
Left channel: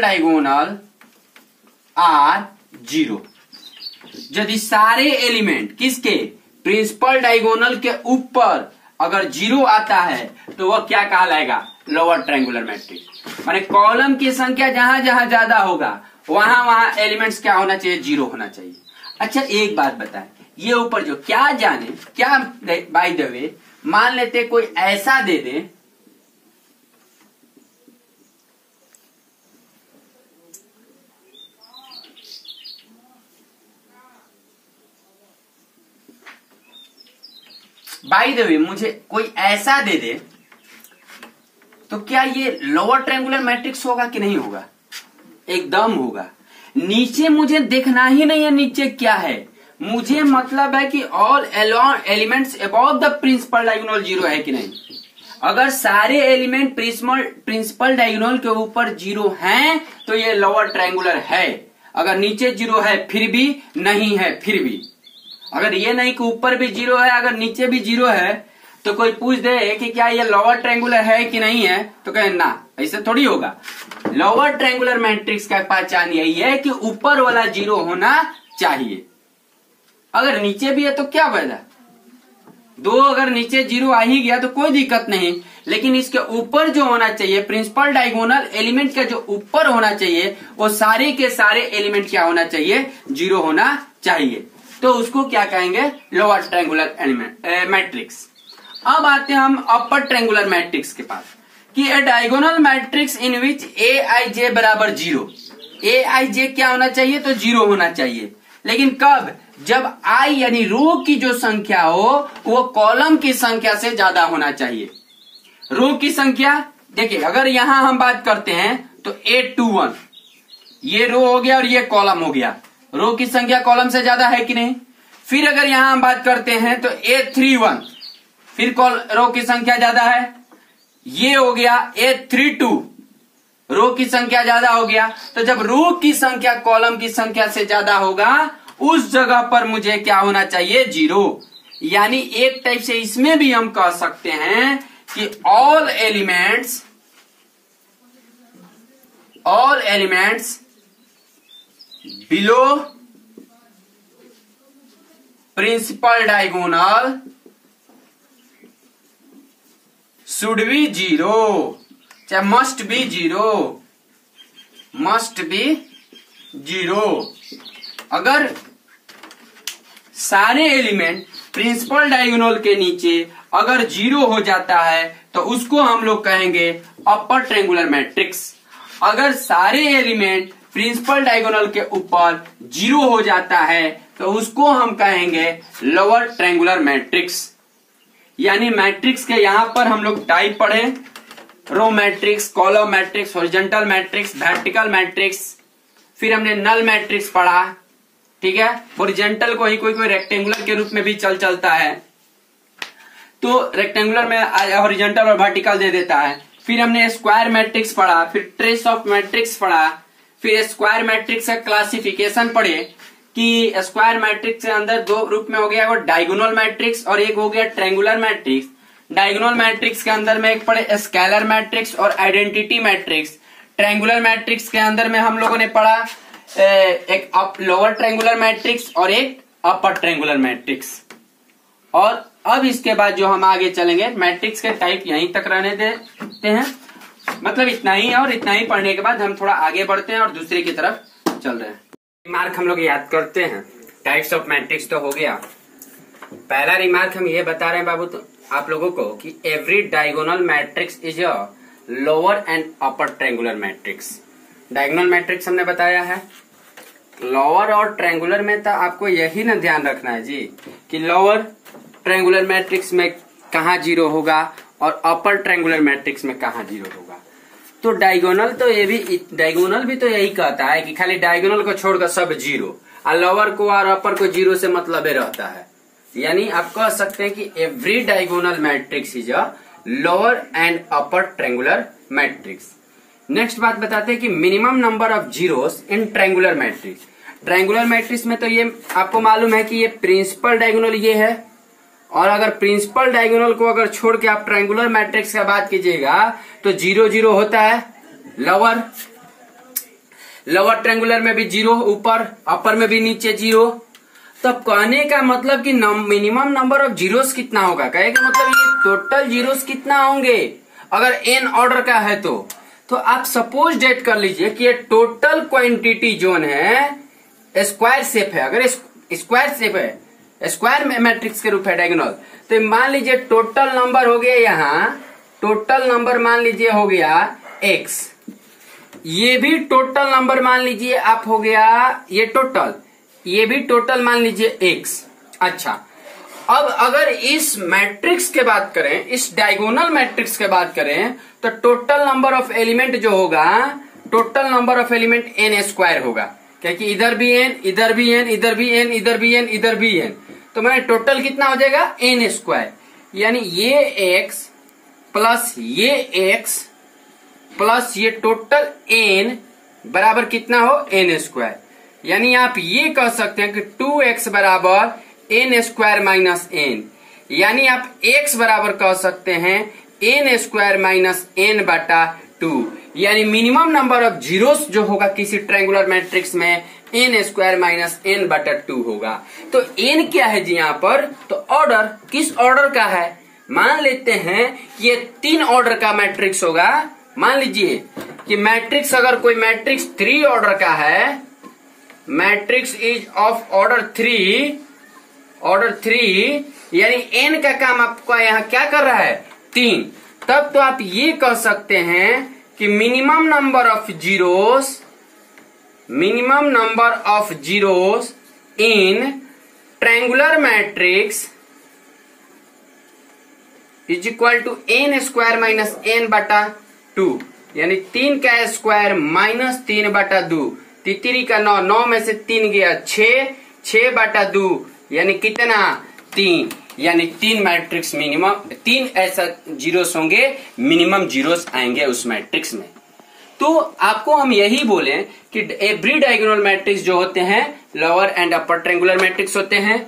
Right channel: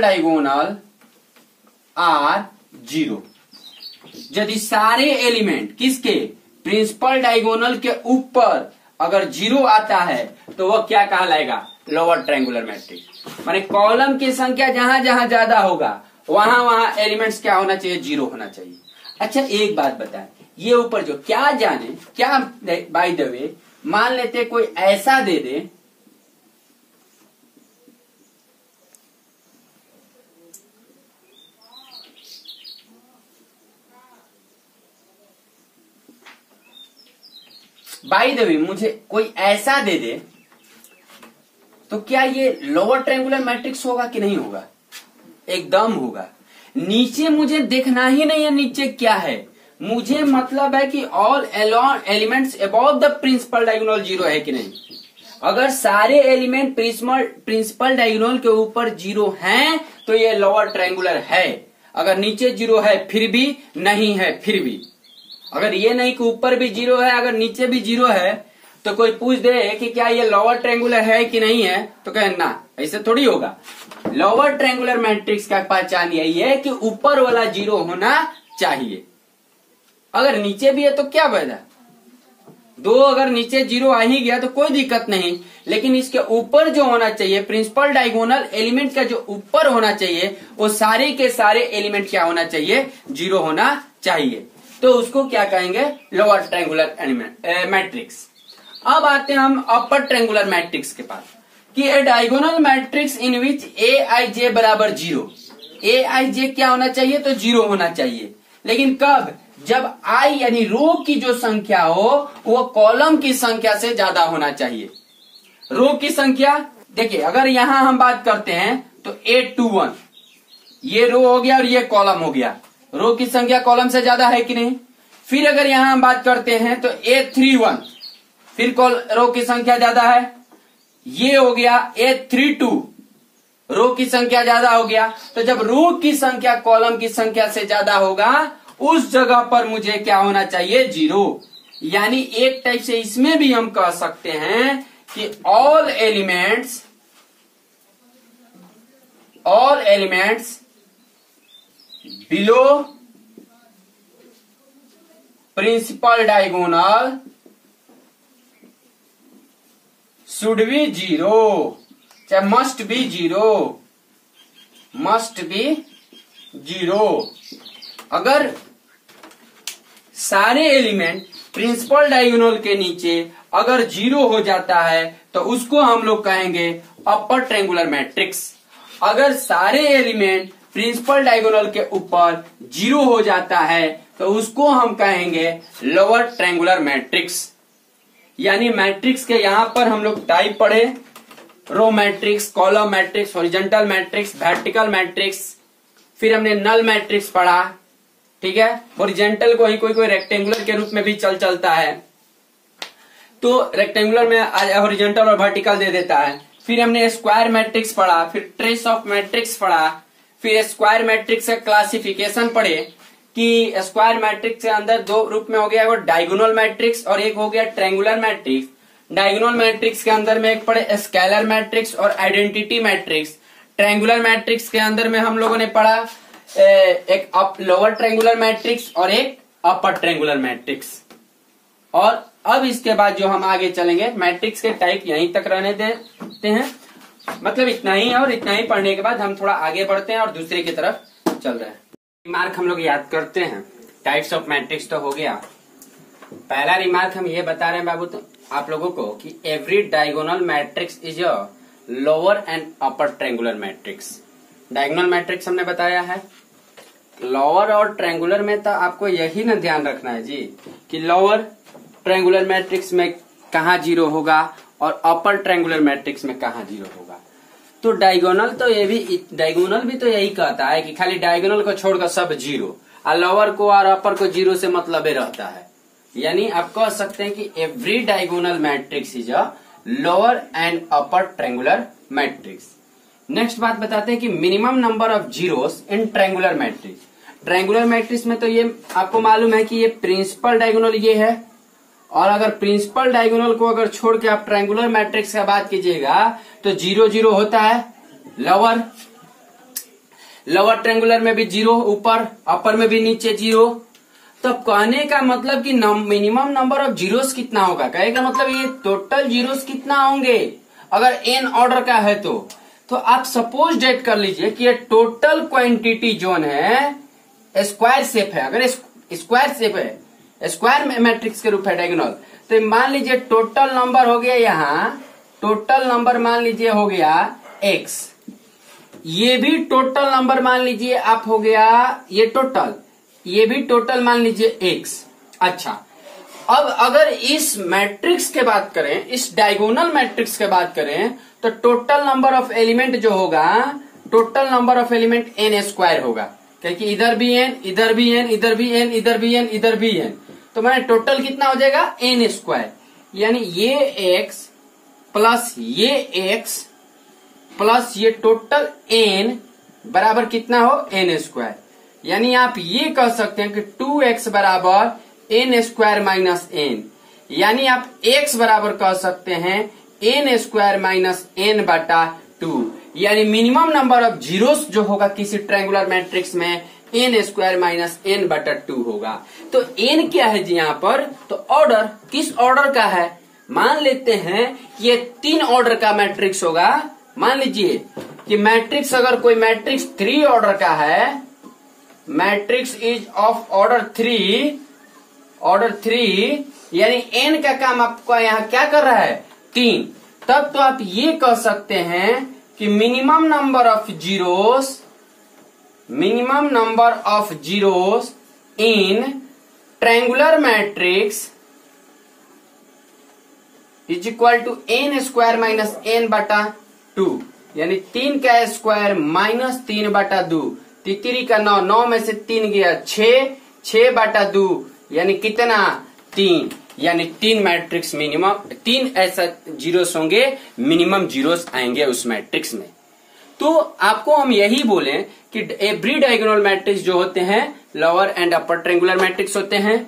diagonal are 0। यदि सारे एलिमेंट किसके, प्रिंसिपल डायगोनल के ऊपर अगर 0 आता है तो वह क्या कहलाएगा, लोअर ट्रायंगुलर मैट्रिक्स। माने कॉलम की संख्या जहां जहां ज्यादा होगा वहां वहां एलिमेंट्स क्या होना चाहिए, 0 होना चाहिए। अच्छा एक बात बताएं, ये ऊपर जो क्या जाने क्या, बाय द वे मान लेते कोई ऐसा दे दे, बाय द वे मुझे कोई ऐसा दे दे, तो क्या ये लोअर ट्रायंगुलर मैट्रिक्स होगा कि नहीं होगा, एकदम होगा। नीचे मुझे देखना ही नहीं है नीचे क्या है, मुझे मतलब है कि all elements above the principal diagonal 0 है कि नहीं। अगर सारे एलिमेंट प्रिंसिपल डायगोनल के ऊपर 0 हैं तो ये लोअर ट्रायंगुलर है। अगर नीचे 0 है फिर भी, नहीं है फिर भी। अगर ये नहीं कि ऊपर भी 0 है अगर नीचे भी 0 है तो कोई पूछ दे कि क्या ये लोअर ट्रायंगुलर है कि नहीं है, तो कहे ना, ऐसे थोड़ी होगा। लोअर ट्रायंगुलर मैट्रिक्स का पहचान यही है कि ऊपर वाला 0 होना चाहिए। अगर नीचे भी है तो क्या वजह, 2 अगर नीचे 0 आ ही गया तो कोई दिक्कत नहीं, लेकिन इसके ऊपर जो होना चाहिए प्रिंसिपल डायगोनल एलिमेंट का जो ऊपर होना चाहिए वो सारे के सारे एलिमेंट क्या होना चाहिए, 0 होना चाहिए। तो उसको क्या कहेंगे, लोअर ट्रायंगुलर मैट्रिक्स। अब आते हैं हम अपर ट्रायंगुलर मैट्रिक्स के पास कि ए डायगोनल मैट्रिक्स इन विच ए आई जे बराबर 0। ए आई जे क्या होना चाहिए? तो 0 होना चाहिए। लेकिन कब? जब आई यानी रो की जो संख्या हो वो कॉलम की संख्या से ज्यादा होना चाहिए। रो की संख्या देखिए, अगर यहां हम बात करते हैं तो 821 ये रो हो गया और ये कॉलम हो गया। रो की संख्या कॉलम से ज्यादा है कि नहीं? फिर अगर यहां हम बात करते हैं तो 831 फिर रो की संख्या ज्यादा है। ये हो गया 832 रो की संख्या ज्यादा हो गया। तो जब रो की संख्या कॉलम की संख्या से ज्यादा होगा उस जगह पर मुझे क्या होना चाहिए? 0। यानी एक टाइप से इसमें भी हम कह सकते हैं कि all elements below principal diagonal should be 0, चाहे मस्ट बी 0। अगर सारे एलिमेंट प्रिंसिपल डायगोनल के नीचे अगर 0 हो जाता है तो उसको हम लोग कहेंगे अपर ट्रायंगुलर मैट्रिक्स। अगर सारे एलिमेंट प्रिंसिपल डायगोनल के ऊपर 0 हो जाता है तो उसको हम कहेंगे लोअर ट्रायंगुलर मैट्रिक्स। यानी मैट्रिक्स के यहां पर हम लोग टाइप पढ़े, row matrix, column matrix, horizontal matrix, vertical matrix, फिर हमने नल मैट्रिक्स पढ़ा। ठीक है, हॉरिजॉन्टल को ही कोई रेक्टेंगुलर के रूप में भी चलता है, तो रेक्टेंगुलर में हॉरिजॉन्टल और वर्टिकल दे देता है। फिर हमने स्क्वायर मैट्रिक्स पढ़ा, फिर ट्रेस ऑफ मैट्रिक्स पढ़ा, फिर स्क्वायर मैट्रिक्स का क्लासिफिकेशन पढ़े कि स्क्वायर मैट्रिक्स के अंदर 2 रूप में हो गया, वो डायगोनल मैट्रिक्स और एक हो गया ट्रायंगुलर मैट्रिक्स। डायगोनल मैट्रिक्स के अंदर में एक पढ़े स्केलर मैट्रिक्स और आइडेंटिटी मैट्रिक्स। ट्रायंगुलर मैट्रिक्स के अंदर में हम लोगों ने पढ़ा एक लोअर ट्रायंगुलर मैट्रिक्स और एक अपर ट्रायंगुलर मैट्रिक्स। और अब इसके बाद जो हम आगे चलेंगे, मैट्रिक्स के टाइप यहीं तक रहने देते हैं, मतलब इतना ही। और इतना ही पढ़ने के बाद हम थोड़ा आगे बढ़ते हैं और दूसरे की तरफ चल रहे हैं। रिमार्क हम लोग याद करते हैं। टाइप्स ऑफ मैट्रिक्स तो हो गया। पहला रिमार्क हम ये बता रहे हैं बाबू तो आप लोगों को कि every diagonal matrix is a lower and upper triangular matrix. Diagonal matrix हमने बताया है। लोअर और ट्रायंगुलर में तो आपको यही ना ध्यान रखना है जी कि लोअर ट्रायंगुलर मैट्रिक्स में कहाँ 0 होगा और अपर ट्रायंगुलर मैट्रिक्स में कहाँ 0 होगा। तो डायगोनल भी तो यही कहता है कि खाली डायगोनल को छोड़कर सब 0, और लोअर को और अपर को 0 से मतलब रहता है। यानी आप कह सकते हैं कि every diagonal matrix is a lower and upper triangular matrix. Next बात बताते हैं कि minimum number of zeros in triangular matrix. Triangular matrix में तो ये आपको मालूम है कि ये प्रिंसिपल डायगोनल ये है, और अगर प्रिंसिपल डायगोनल को अगर छोड़ के आप ट्रायंगुलर मैट्रिक्स की बात कीजिएगा तो 0 0 होता है। लोअर ट्रायंगुलर में भी 0 ऊपर, अपर में भी नीचे 0। तब कहने का मतलब कि मिनिमम नंबर ऑफ जीरोस कितना होगा, कहेगा मतलब ये टोटल जीरोस कितना होंगे अगर n ऑर्डर का है तो आप सपोज डेट कर लीजिए कि ये टोटल क्वांटिटी जोन है, स्क्वायर शेप है। अगर स्क्वायर शेप है, स्क्वायर मैट्रिक्स के रूप है डायगोनल, तो मान लीजिए टोटल नंबर हो गया यहाँ, टोटल नंबर मान लीजिए हो गया x, ये भी टोटल नंबर मान लीजिए आप हो गया ये टोटल, ये भी टोटल मान लीजिए x। अच्छा, अब अगर इस मैट्रिक्स के बात करें, इस डायगोनल मैट्रिक्स के बात करें तो टोटल नंबर ऑफ एलिमेंट जो होगा, total number of element n square होगा, क्योंकि इधर भी n, इधर भी n, इधर भी n, इधर भी n, इधर भी n, तो मैंने टोटल कितना हो जाएगा n स्क्वायर। यानी ये x प्लस ये x प्लस ये टोटल n बराबर कितना हो n स्क्वायर। यानी आप ये कह सकते हैं कि 2x बराबर n स्क्वायर माइनस n, यानी आप x बराबर कह सकते हैं n स्क्वायर माइनस n बटा 2। यानी मिनिमम नंबर ऑफ जीरोस जो होगा किसी ट्रायंगुलर मैट्रिक्स में n स्क्वायर माइनस n बटा 2 होगा। तो n क्या है जी यहाँ पर, तो ऑर्डर किस ऑर्डर का है, मान लेते हैं कि ये 3 ऑर्डर का मैट्रिक्स होगा। मान लीजिए कि मैट्रिक्स अगर कोई मैट्रिक्स 3 ऑर्डर का है, मैट्रिक्स इज ऑफ ऑर्डर 3, यानी n का काम आपका यहाँ क्या कर रहा है 3। तब तो आप ये कह सकते हैं कि minimum number of zeros in triangular matrix is equal to n square minus n बटा 2, यानी 3 का स्क्वायर माइनस 3 बटा 2, तितरी का 9, 9 में से 3 गया 6 बटा 2, यानी कितना 3, यानी 3 मैट्रिक्स मिनिमम 3 ऐसा जीरोस होंगे, मिनिमम जीरोस आएंगे उस मैट्रिक्स में। तो आपको हम यही बोले कि एवरी डायगोनल मैट्रिक्स जो होते हैं lower and upper triangular matrix होते हैं।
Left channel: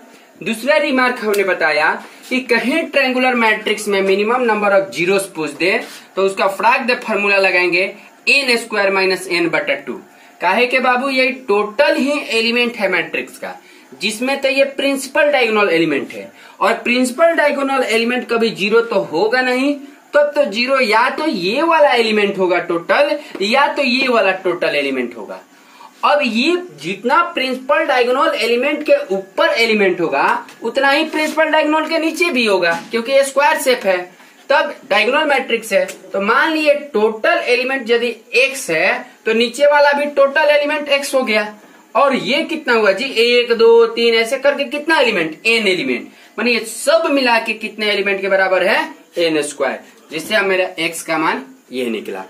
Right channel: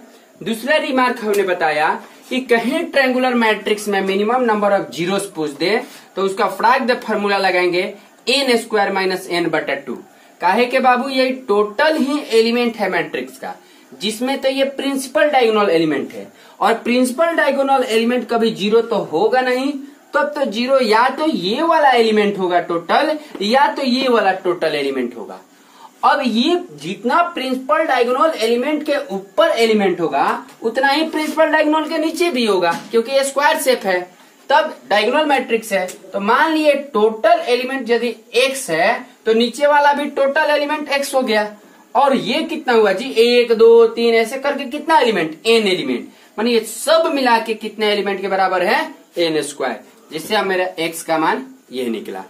दूसरा रिमार्क हमने बताया कि कहीं ट्रायंगुलर मैट्रिक्स में मिनिमम नंबर ऑफ जीरोस पूछ दे तो उसका फ्रैक्ट द फार्मूला लगाएंगे n स्क्वायर माइनस n बटा 2। काहे के बाबू ये टोटल ही एलिमेंट है मैट्रिक्स का, जिसमें तो ये प्रिंसिपल डायगोनल एलिमेंट है, और प्रिंसिपल डायगोनल एलिमेंट कभी जीरो तो होगा नहीं। तब तो जीरो या तो ये वाला एलिमेंट होगा टोटल, या तो ये वाला टोटल एलिमेंट होगा। अब ये जितना प्रिंसिपल डायगोनल एलिमेंट के ऊपर एलिमेंट होगा उतना ही प्रिंसिपल डायगोनल के नीचे भी होगा, क्योंकि ये स्क्वायर शेप है, तब डायगोनल मैट्रिक्स है। तो मान लिए टोटल एलिमेंट यदि x है तो नीचे वाला भी टोटल एलिमेंट x हो गया। और ये कितना हुआ जी 1 2 3 ऐसे करके कितना एलिमेंट n एलिमेंट, मानी ये सब मिला के कितने एलिमेंट के बराबर है n स्क्वायर, जिससे अब मेरा x का मान ये निकला।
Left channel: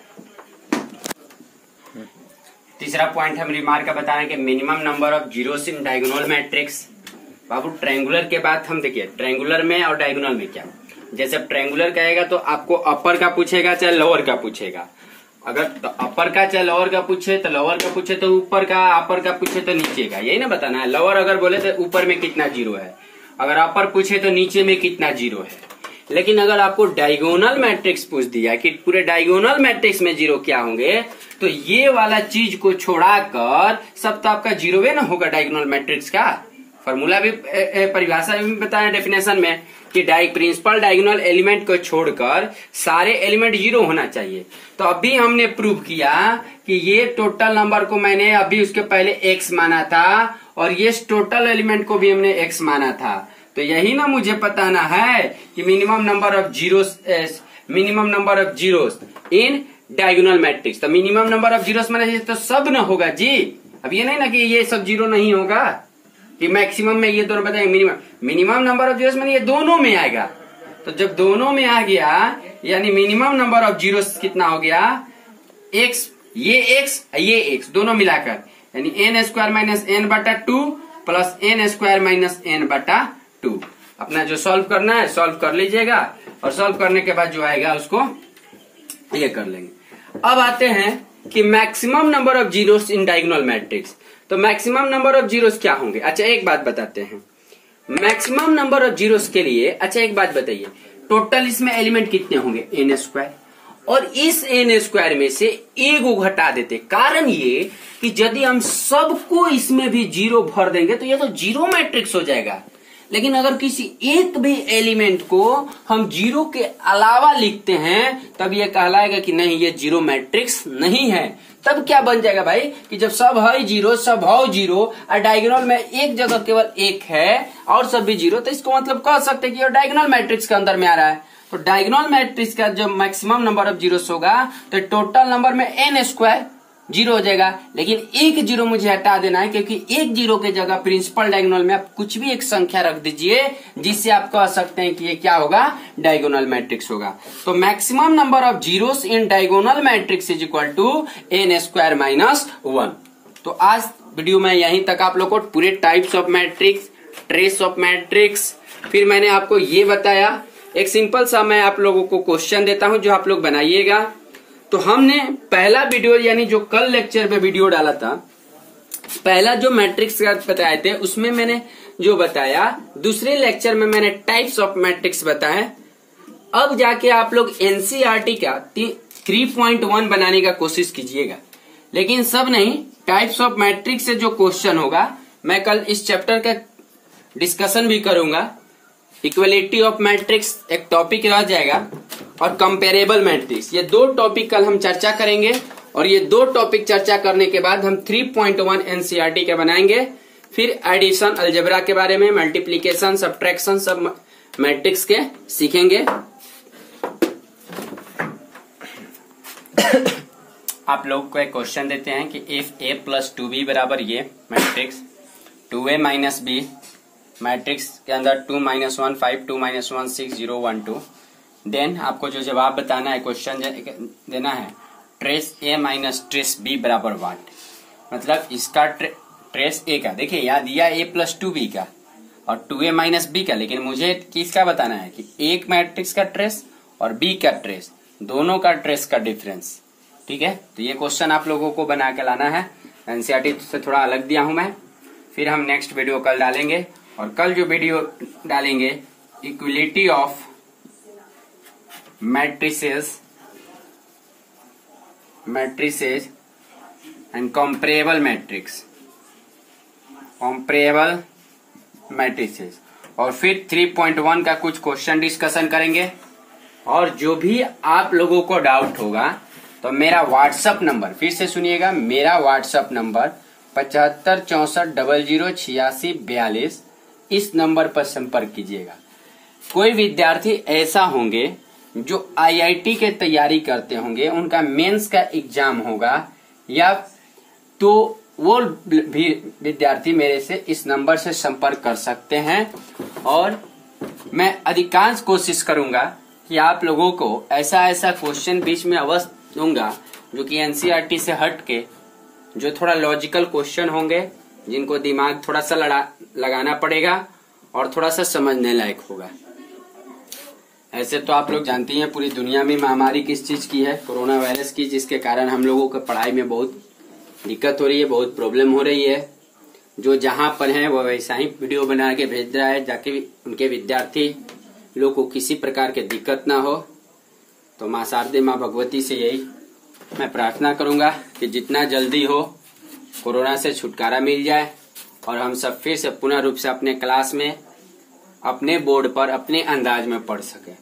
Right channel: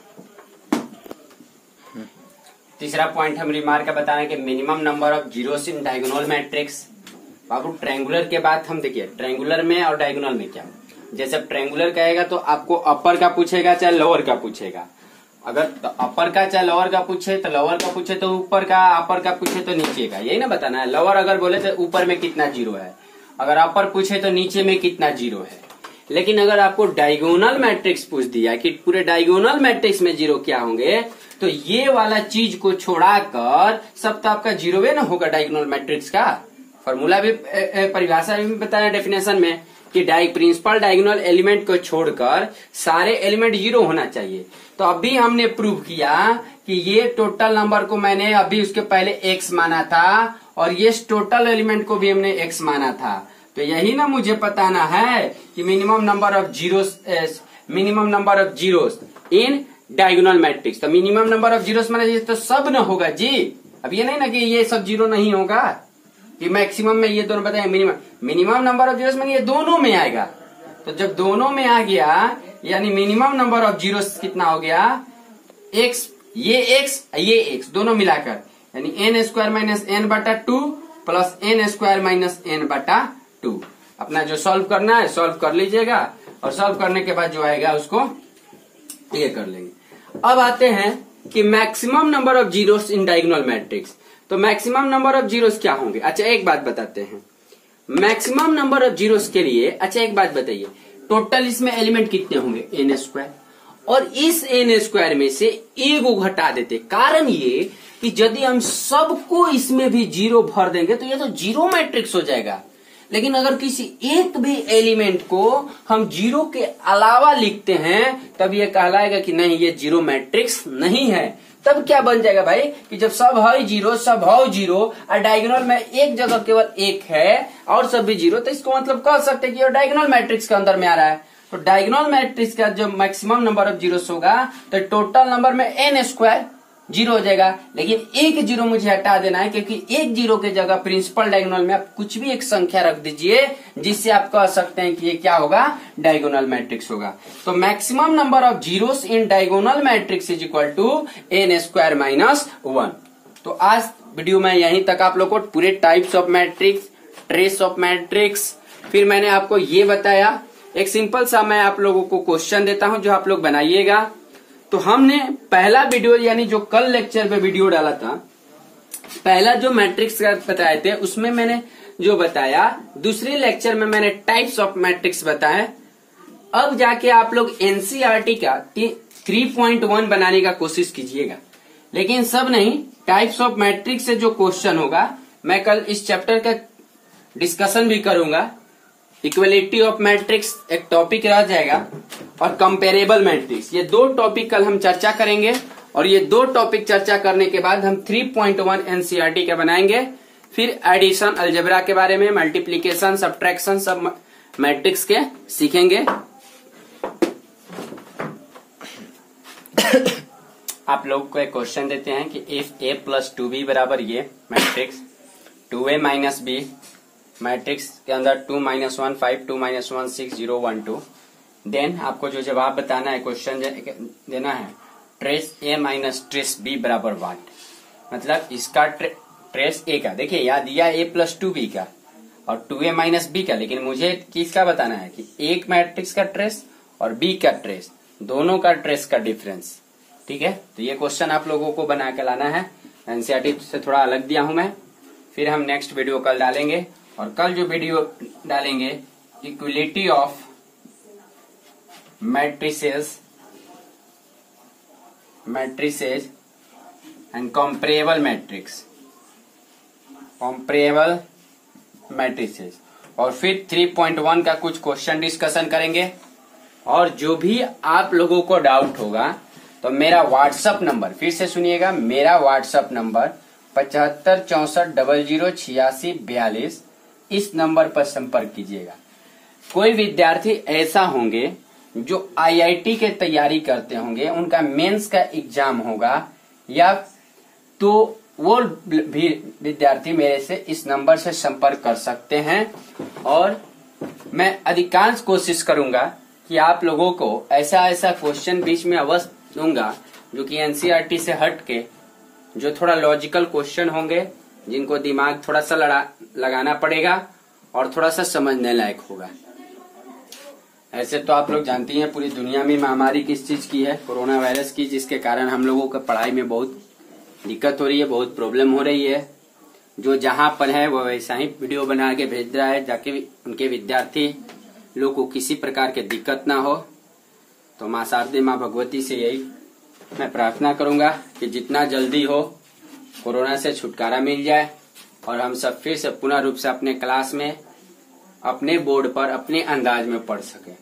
तीसरा पॉइंट हम रिमार्क का बता रहे हैं कि minimum number of zeros in diagonal matrix. Babu triangular के बाद हम देखिए ट्रायंगुलर में और डायगोनल में क्या, जैसे ट्रायंगुलर कहेगा तो आपको अपर का पूछेगा चाहे लोअर का पूछेगा, अगर तो अपर का चाहे लोअर का पूछे तो लोअर का पूछे तो ऊपर का, अपर का पूछे तो नीचे का, यही ना बताना है। लोअर अगर बोले तो ऊपर में कितना जीरो है, अगर अपर पूछे तो नीचे में कितना जीरो है। लेकिन अगर आपको डायगोनल मैट्रिक्स पूछ दिया कि पूरे डायगोनल मैट्रिक्स में जीरो क्या होंगे, तो ये वाला चीज को छोड़ाकर सब तो आपका जीरोवे ना होगा। डायगोनल मैट्रिक्स का फॉर्मूला भी परिभाषा भी बताया डेफिनेशन में कि प्रिंसिपल डायगोनल एलिमेंट को छोड़कर सारे एलिमेंट जीरो होना चाहिए। तो अभी हमने प्रूव किया कि ये टोटल नंबर को मैंने अभी उसके पहले एक्स माना था और ये टोटल एलिमेंट को भी हमने एक्स माना था। तो यही ना मुझे बताना है कि minimum number of zeros in diagonal matrix. तो मिनिमम नंबर ऑफ जीरोस माने तो सब न होगा जी, अब ये नहीं ना कि ये सब जीरो नहीं होगा कि मैक्सिमम में ये दोनों बताएंगे। मिनिमम नंबर ऑफ जीरोस माने ये दोनों में आएगा। तो जब दोनों में आ गया यानी मिनिमम नंबर ऑफ जीरोस कितना हो गया एक्स, ये एक्स दोनों मिलाकर, यानी n स्क्वायर माइनस n बटा 2 plus n square minus n बटा 2। अपना जो सॉल्व करना है सॉल्व कर लीजिएगा और सॉल्व करने के बाद जो आएगा उसको ये कर लेंगे। अब आते हैं कि maximum number of zeros in diagonal matrix. तो मैक्सिमम नंबर ऑफ जीरोस क्या होंगे? अच्छा एक बात बताते हैं, मैक्सिमम नंबर ऑफ जीरोस के लिए अच्छा एक बात बताइए, टोटल इसमें एलिमेंट कितने होंगे n स्क्वायर, और इस n स्क्वायर में से एक को घटा देते। कारण ये कि यदि हम सबको इसमें भी जीरो भर देंगे तो ये तो जीरो मैट्रिक्स हो जाएगा। लेकिन अगर किसी एक भी एलिमेंट को हम जीरो के अलावा लिखते हैं तब ये कहलाएगा कि नहीं ये जीरो मैट्रिक्स नहीं है। तब क्या बन जाएगा भाई कि जब सब है जीरो, सब है जीरो और डायगोनल में एक जगह केवल एक है और सब भी जीरो, तो इसको मतलब कह सकते हैं कि ये डायगोनल मैट्रिक्स के अंदर में आ रहा है। तो डायगोनल मैट्रिक्स का जो मैक्सिमम नंबर ऑफ जीरोस होगा तो टोटल नंबर में n स्क्वायर जीरो हो जाएगा। लेकिन एक जीरो मुझे हटा देना है क्योंकि एक जीरो के जगह प्रिंसिपल डायगोनल में आप कुछ भी एक संख्या रख दीजिए जिससे आप कह सकते हैं कि ये क्या होगा डायगोनल मैट्रिक्स होगा। तो maximum number of zeros in diagonal matrix is equal to n square minus 1। तो आज वीडियो में यहीं तक आप लोग को पूरे types of matrix, trace of matrix, फिर मैंने आपको ये बताया। एक सिंपल सा मैं आप लोगों को क्वेश्चन देता हूं जो आप लोग बनाइएगा। तो हमने पहला वीडियो यानी जो कल लेक्चर पे वीडियो डाला था, पहला जो मैट्रिक्स का बताए थे उसमें मैंने जो बताया, दूसरे लेक्चर में मैंने टाइप्स ऑफ मैट्रिक्स बताया। अब जाके आप लोग एनसीईआरटी का 3.1 बनाने का कोशिश कीजिएगा, लेकिन सब नहीं, टाइप्स ऑफ मैट्रिक्स से जो क्वेश्चन होगा मैं कल इस चैप्टर का डिस्कशन भी करूंगा। इक्वलिटी ऑफ मैट्रिक्स एक टॉपिक रह जाएगा और कंपेरेबल मैट्रिक्स, ये दो टॉपिक कल हम चर्चा करेंगे। और ये दो टॉपिक चर्चा करने के बाद हम 3.1 एनसीईआरटी के बनाएंगे। फिर एडिशन, अलजेब्रा के बारे में, मल्टीप्लीकेशन, सब्ट्रैक्शन, सब मैट्रिक्स के सीखेंगे। आप लोग को एक क्वेश्चन देते हैं कि इफ a प्लस 2b बराबर ये matrix 2a minus b matrix के अंदर 2 माइनस 1 5 2 माइनस 1 6 0 1 2, देन आपको जो जवाब बताना है, क्वेश्चन देना है trace a minus trace b बराबर वाट। मतलब इसका ट्रेस a का, देखिए याद दिया a प्लस 2b का और 2a माइनस b का, लेकिन मुझे किसका बताना है कि एक मैट्रिक्स का ट्रेस और b का ट्रेस, दोनों का ट्रेस का डिफरेंस। ठीक है, तो ये क्वेश्चन आप लोगों को बना के लाना है। एनसीईआरटी से थोड़ा अलग दिया हूं मैं। फिर हम नेक्स्ट वीडियो कल डालेंगे, और कल जो वीडियो डालेंगे equality of matrices and comparable matrices, और फिर 3.1 का कुछ क्वेश्चन डिस्कशन करेंगे। और जो भी आप लोगों को डाउट होगा तो मेरा व्हाट्सएप नंबर, फिर से सुनिएगा, मेरा व्हाट्सएप नंबर 7564008642, इस नंबर पर संपर्क कीजिएगा। कोई विद्यार्थी ऐसा होंगे जो आईआईटी के तैयारी करते होंगे, उनका मेंस का एग्जाम होगा, या तो वो भी विद्यार्थी मेरे से इस नंबर से संपर्क कर सकते हैं। और मैं अधिकांश कोशिश करूंगा कि आप लोगों को ऐसा क्वेश्चन बीच में अवश्य दूंगा जो कि एनसीईआरटी से हट के, जो थोड़ा लॉजिकल क्वेश्चन होंगे, जिनको दिमाग थोड़ा सा लगाना पड़ेगा और थोड़ा सा समझने लायक होगा। ऐसे तो आप लोग जानती हैं पूरी दुनिया में महामारी किस चीज की है, कोरोना वायरस की, जिसके कारण हम लोगों को पढ़ाई में बहुत दिक्कत हो रही है, बहुत प्रॉब्लम हो रही है। जो जहां पर है वो वैसा ही वीडियो बना के भेज रहा है, जाके उनके विद्यार्थी लोग को किसी प्रकार की दिक्कत ना हो। तो माँ शारदे, माँ भगवती से यही मैं प्रार्थना करूंगा कि जितना जल्दी हो कोरोना से छुटकारा मिल जाए और हम सब फिर से पुनः रूप से अपने क्लास में, अपने बोर्ड पर, अपने अंदाज में पढ़ सके।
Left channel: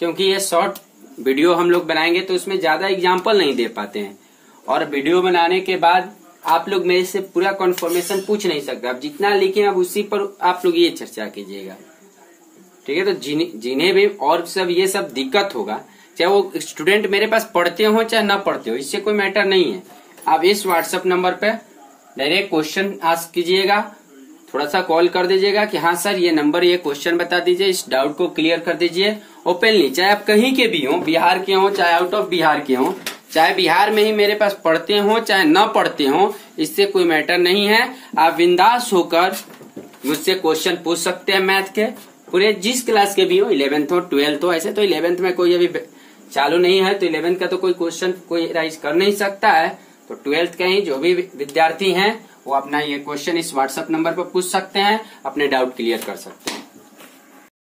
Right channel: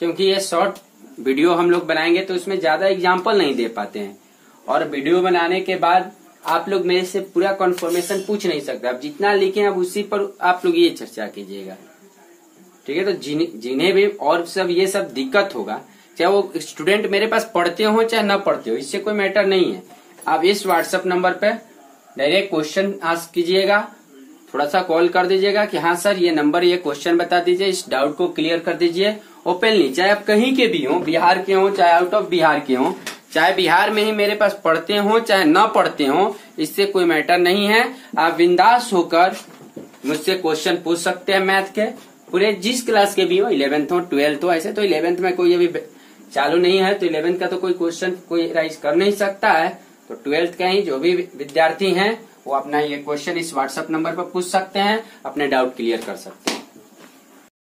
क्योंकि ये शॉर्ट वीडियो हम लोग बनाएंगे तो इसमें ज्यादा एग्जाम्पल नहीं दे पाते हैं, और वीडियो बनाने के बाद आप लोग मेरे से पूरा कन्फर्मेशन पूछ नहीं सकते। अब जितना लिखे अब उसी पर आप लोग ये चर्चा कीजिएगा। ठीक है, तो जिन्हें भी और सब ये सब दिक्कत होगा, चाहे वो स्टूडेंट मेरे पास पढ़ते हो चाहे न पढ़ते हो, इससे कोई मैटर नहीं है। आप इस व्हाट्सएप नंबर पे डायरेक्ट क्वेश्चन आस्क कीजिएगा, थोड़ा सा कॉल कर दीजिएगा कि हाँ सर ये नंबर, ये क्वेश्चन बता दीजिए, इस डाउट को क्लियर कर दीजिए ओपनली। चाहे आप कहीं के भी हो, बिहार के हो चाहे आउट ऑफ बिहार के हो, चाहे बिहार में ही मेरे पास पढ़ते हो चाहे न पढ़ते हो, इससे कोई मैटर नहीं है। आप बिंदास होकर मुझसे क्वेश्चन पूछ सकते हैं मैथ के, पूरे जिस क्लास के भी हो, 11th हो 12th हो। ऐसे तो 11th में कोई अभी चालू नहीं है, तो 11th का तो कोई क्वेश्चन कोई राइज कर नहीं सकता है, तो 12th का ही जो भी विद्यार्थी हैं वो अपना ये क्वेश्चन इस व्हाट्सएप नंबर पर पूछ सकते हैं, अपने डाउट क्लियर कर सकते हैं।